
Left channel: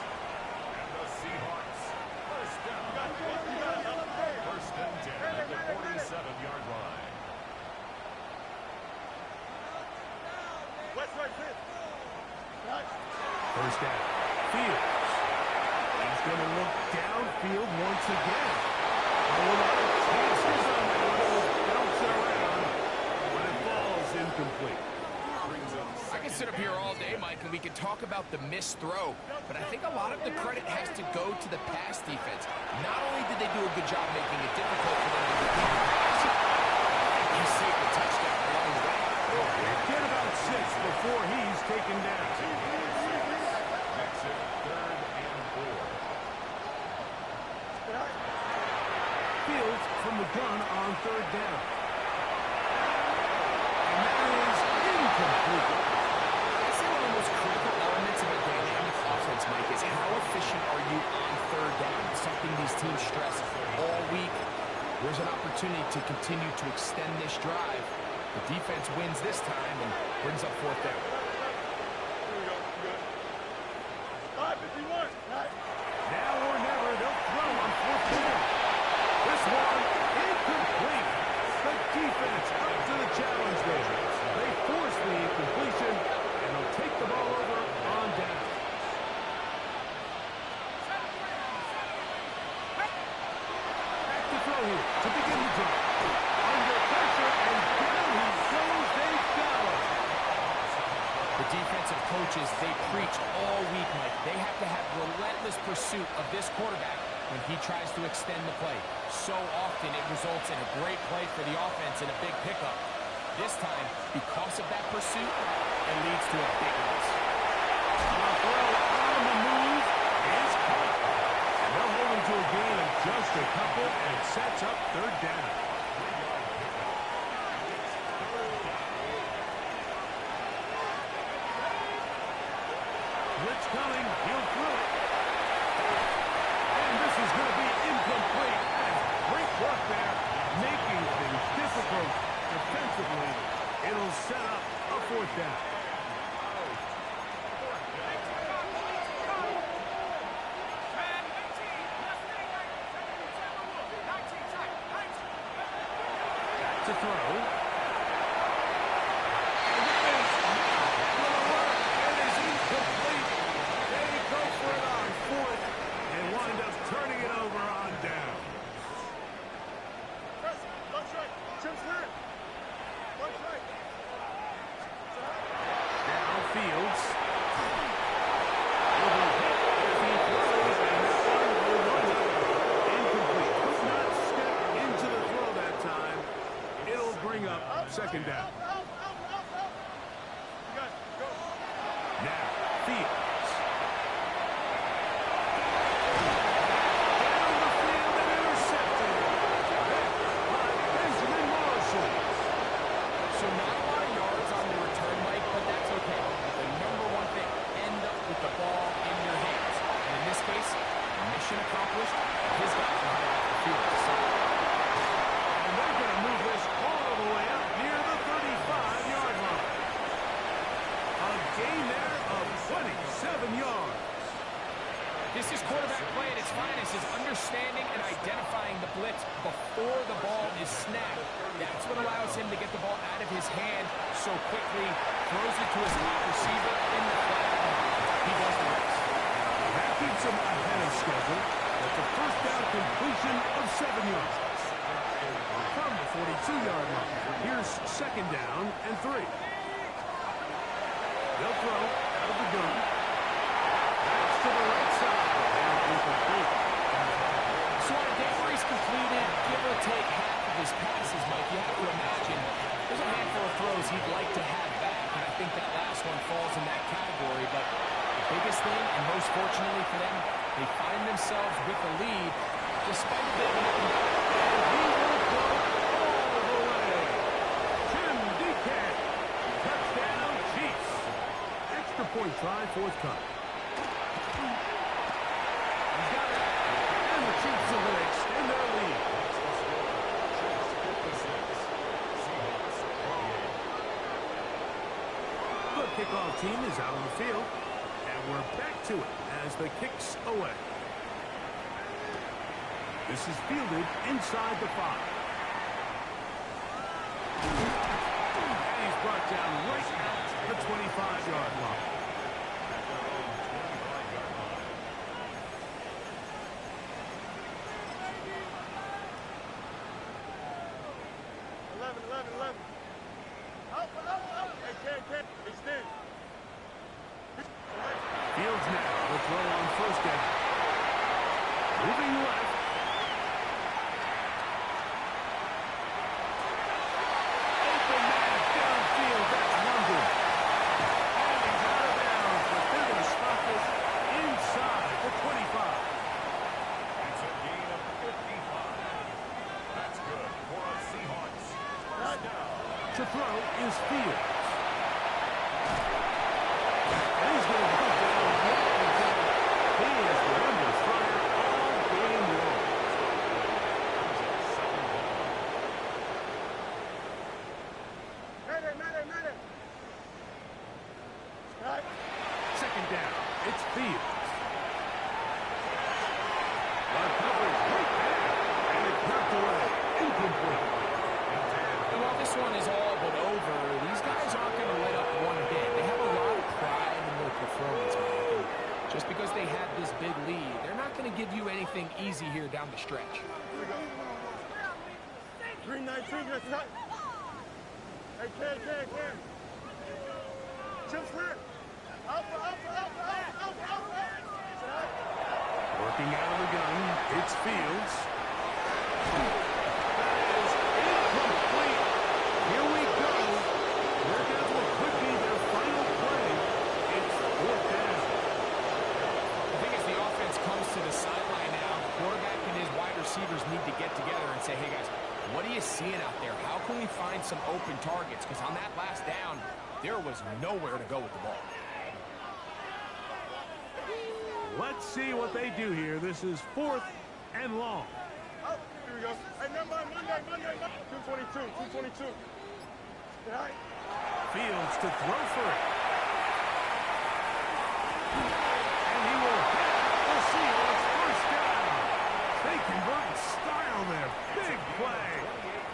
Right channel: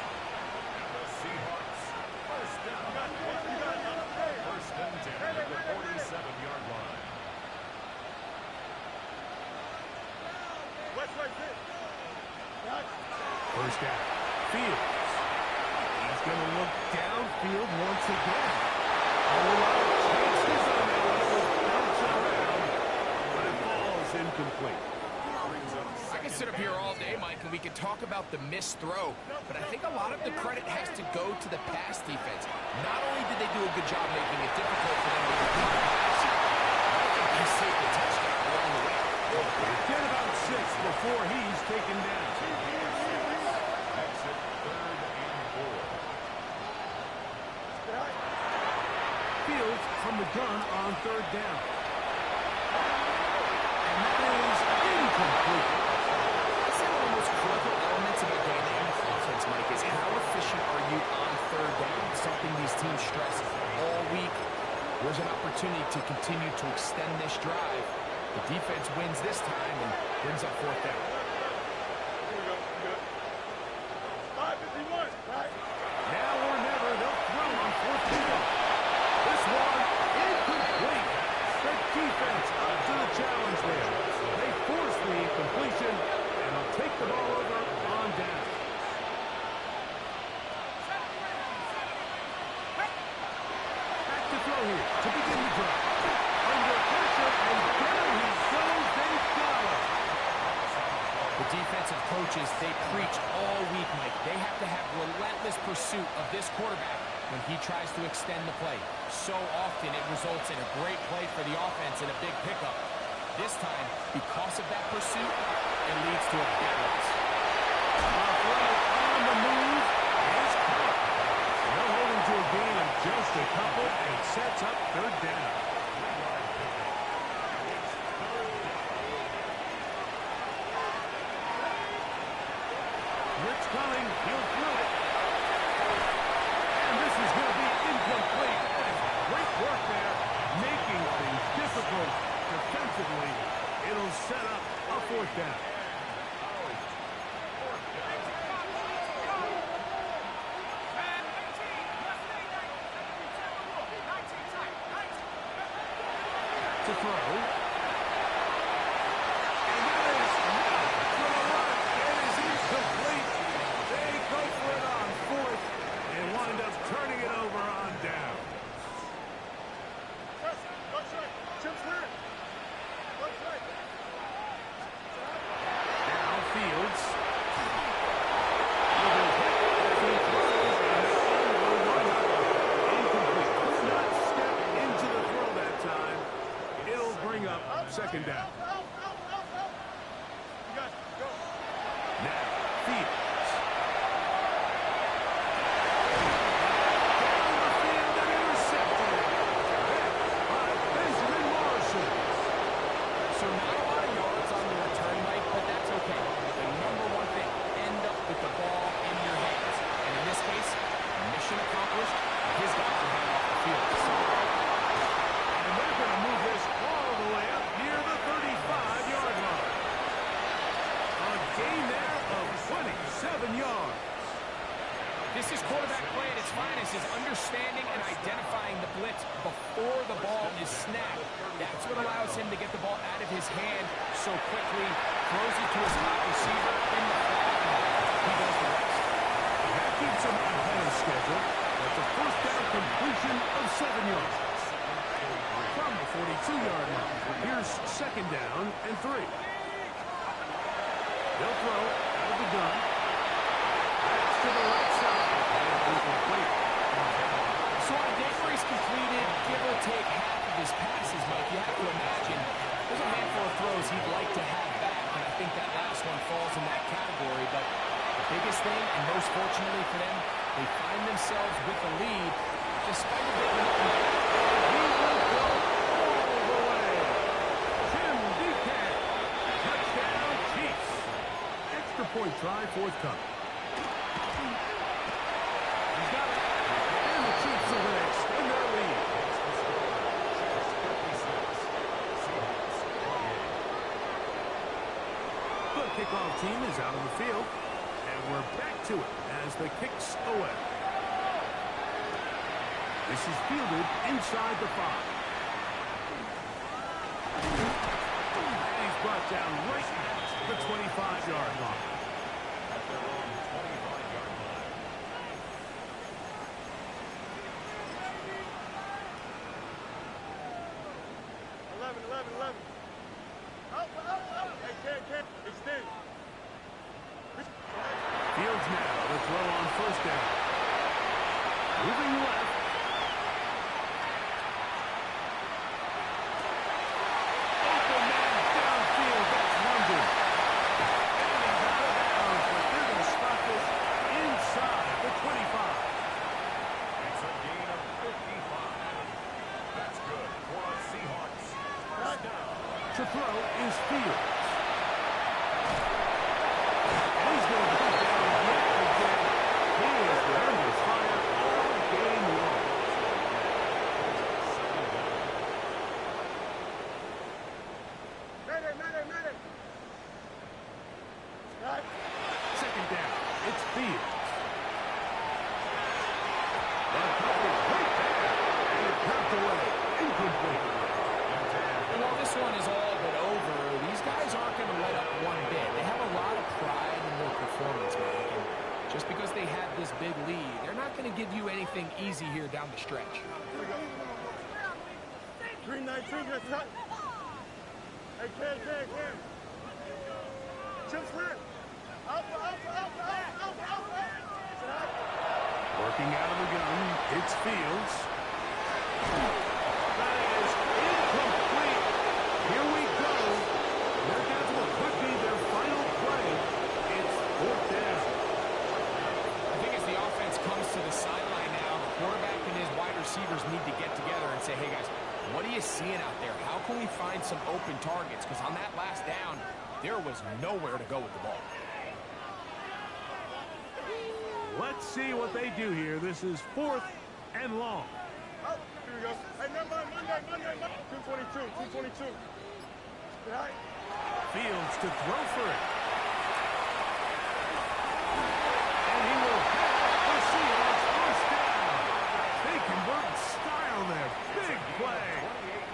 And the Seahawks, first down. First and 10 at the 47-yard line. West right fit. First down. Fields. He's going to look downfield once again. A lot of chances on that one. It was bouncing around, but it falls incomplete. I can sit up here all day, Mike, and we could talk about the missed throw, but I think a lot of the credit has to go to the pass defense. Not only did they do a good job making it difficult for them to complete the pass, I think they saved a touchdown along the way. Get about 6 before he's taken down. Makes it 3rd and 4. Fields from the gun on 3rd down. And that is incomplete. I'd say one of the most critical elements of a dynamic offense, Mike, is how efficient are you on 3rd down? Something these teams stress all week. There's an opportunity to continue to extend this drive. The defense wins this time and brings up 4th down. Here we go. Good. 5:51. Right. Now or never, they'll throw on 4th down. This one incomplete. The defense up to the challenge there. They force the incompletion, and they'll take the ball over on down. here to begin the drive. Under pressure, and down he goes. They got him. The defensive coaches, they preach all week, Mike. They have to have relentless pursuit of this quarterback when he tries to extend the play. So often it results in a great play for the offense and a big pickup. This time, because of that pursuit, it leads to a big loss. A throw on the move is caught. And they'll hold him to a gain of just a couple, and it sets up third down. Blitz coming. He'll throw it. And this is going to be incomplete. That is great work there, making things difficult defensively. It'll set up a fourth down. To throw. And that is not going to work. It is incomplete. They go for it on fourth and wind up turning it over on down. Downfields. Will be hit as he throws, and that one will wind up incomplete. Could not step into the throw that time. It'll bring up second down. Now, Fields. Down the field and intercepted. There by Benjamin Morrison. So not a lot of yards on the return, Mike, but that's okay. The number one thing, end up with the ball in your hands. And in this case, mission accomplished, and his guys are headed off the field. So, and they're going to move this all the way up near the 35-yard line. A gain there of 27 yards. this is quarterback play at its finest, is understanding and identifying the blitz before the ball is snapped. That's what allows him to get the ball out of his hand so quickly, throws it to his hot receiver in the flat, and he does the rest. That keeps him ahead of schedule. That's a first down completion of 7 yards. From the 42-yard line, here's second down and 3. They'll throw out of the gun. That's to the right side, and incomplete. So on a day where he's completed, give or take half of his passes, Mike, you have to imagine there's a handful of throws he'd like to have back, and I think that last one falls in that category. But the biggest thing, and most fortunately for them, they find themselves with the lead despite a bit of an up and down. And he will go all the way. Jim DK, touchdown Chiefs. Extra point try forthcoming. He's got it. And the Chiefs are going to extend their lead. The kickoff team is out on the field. And we're back to it as the kick's away. This is fielded inside the 5. And he's brought down right at the 25-yard line. At their own 25-yard line. Fields now to throw on first down. Moving left. Open man downfield. That's London. And he's out of bounds, but they're going to stop this inside the 25. It's a gain of 55. That's good for a Seahawks. First down. To throw is Fields. And he's going to put down yet again. He has been under fire all game long. Second down. It's Fields. The coverage right there. And it's knocked away. Incomplete. And while this one is all but over, these guys aren't going to let up one bit. They have a lot of pride in their performance, Mac. And just because they had this big lead, they're not going to give you anything easy here down the stretch. Green 19, just cut. Hey, Cam. Chip slip. Working out of the gun, it's Fields. That is incomplete. Here we go. They're down to what could be their final play. It's 4th down. I think as the offense comes to the sideline now, the quarterback and his wide receivers need to get together and say, hey, guys, what are you seeing out there? How can we find some open targets? Because on that last down, there was nowhere to go with the ball. Let's see what they do here. This is 4th and long. Oh, here we go. Hey, never mind. Monday. 222. All right. Fields to throw for it. And he will have the Seahawks first down. They convert in style there. Big play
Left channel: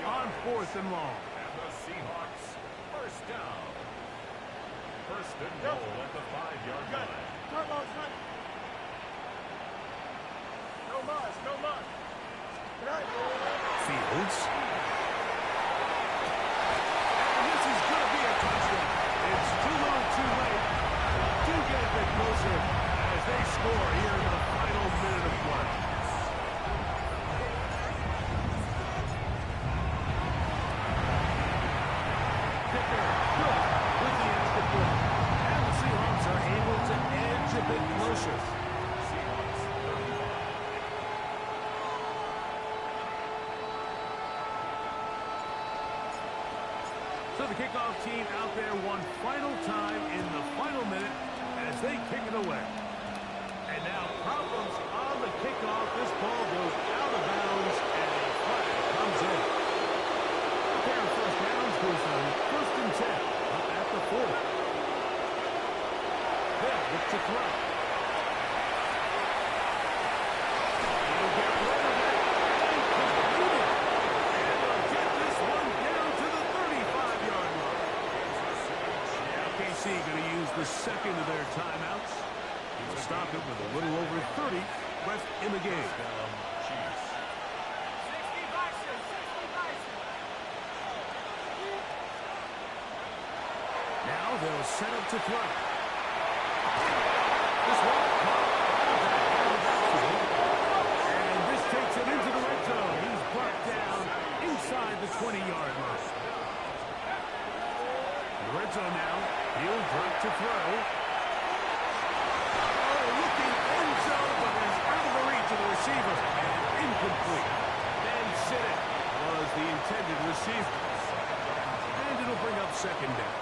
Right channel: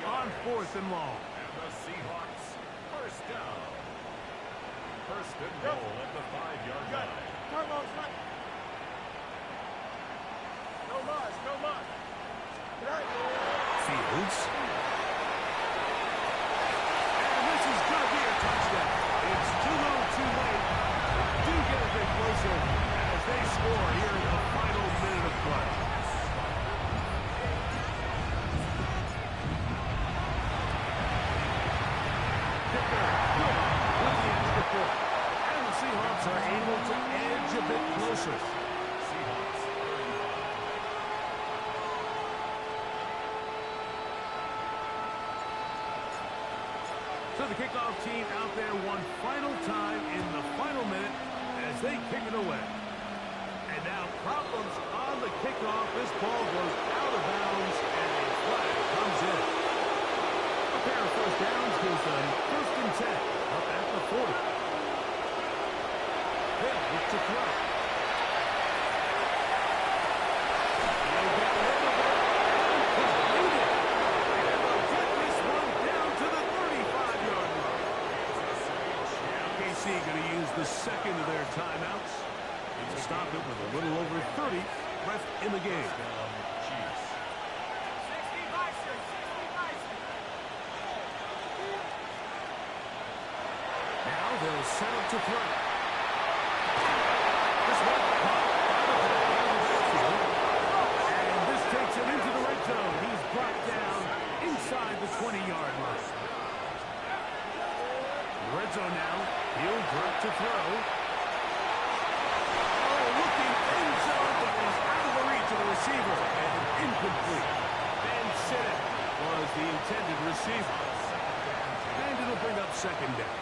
on 4th and long. And the Seahawks first down. First and goal at the 5-yard line. Turbo's right. No mud. Fields. And this is going to be a touchdown. It's too little too late. They do get a bit closer as they score here in the final minute of play. Dicker good with the extra point. And the Seahawks are able to edge a bit closer. Seahawks 35. So the kickoff team out there one final time in the final minute as they kick it away. And now problems on the kickoff. This ball goes out of bounds and a flag comes in. A pair of first downs gives them 1st and 10 up at the 40. They'll look to throw. He'll get rid of it and complete it. And they'll get this one down to the 35-yard line. KC going to use the second of their timeouts. He'll stop it with a little over 30 left in the game. Chiefs. Now they'll set up to throw. This one caught by the back out of the backfield. And this takes him into the red zone. He's brought down inside the 20-yard line. The red zone now. He'll drop to throw. Oh, looking end zone, but is out of the reach of the receiver. And incomplete. Van Sittett was the intended receiver. And it'll bring up 2nd down.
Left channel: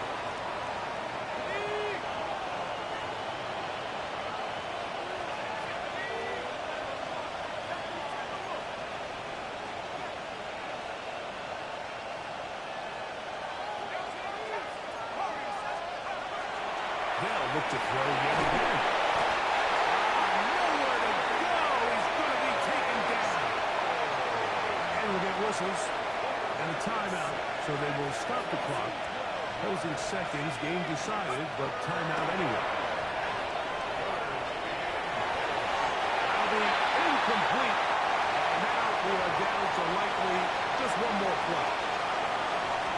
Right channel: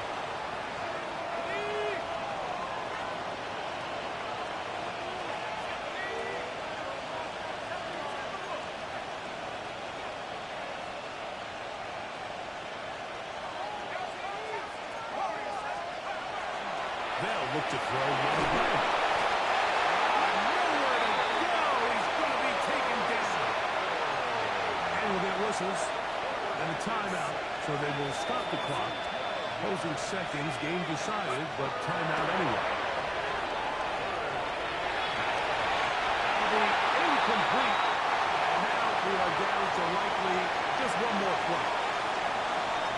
They'll look to throw yet again. Nowhere to go. He's going to be taken down. And we'll get whistles and a timeout, so they will stop the clock. Closing seconds, game decided, but timeout anyway. That'll be incomplete. And now we are down to likely just one more play.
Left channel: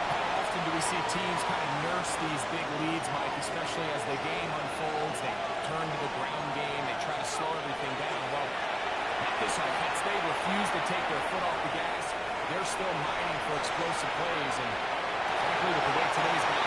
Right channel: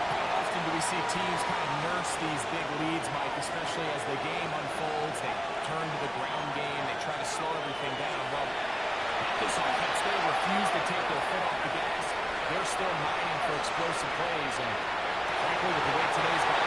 How often do we see teams kind of nurse these big leads, Mike, especially as the game unfolds? They turn to the ground game. They try to slow everything down. Well, this offense, they refuse to take their foot off the gas. They're still mining for explosive plays. And frankly, with the way today's game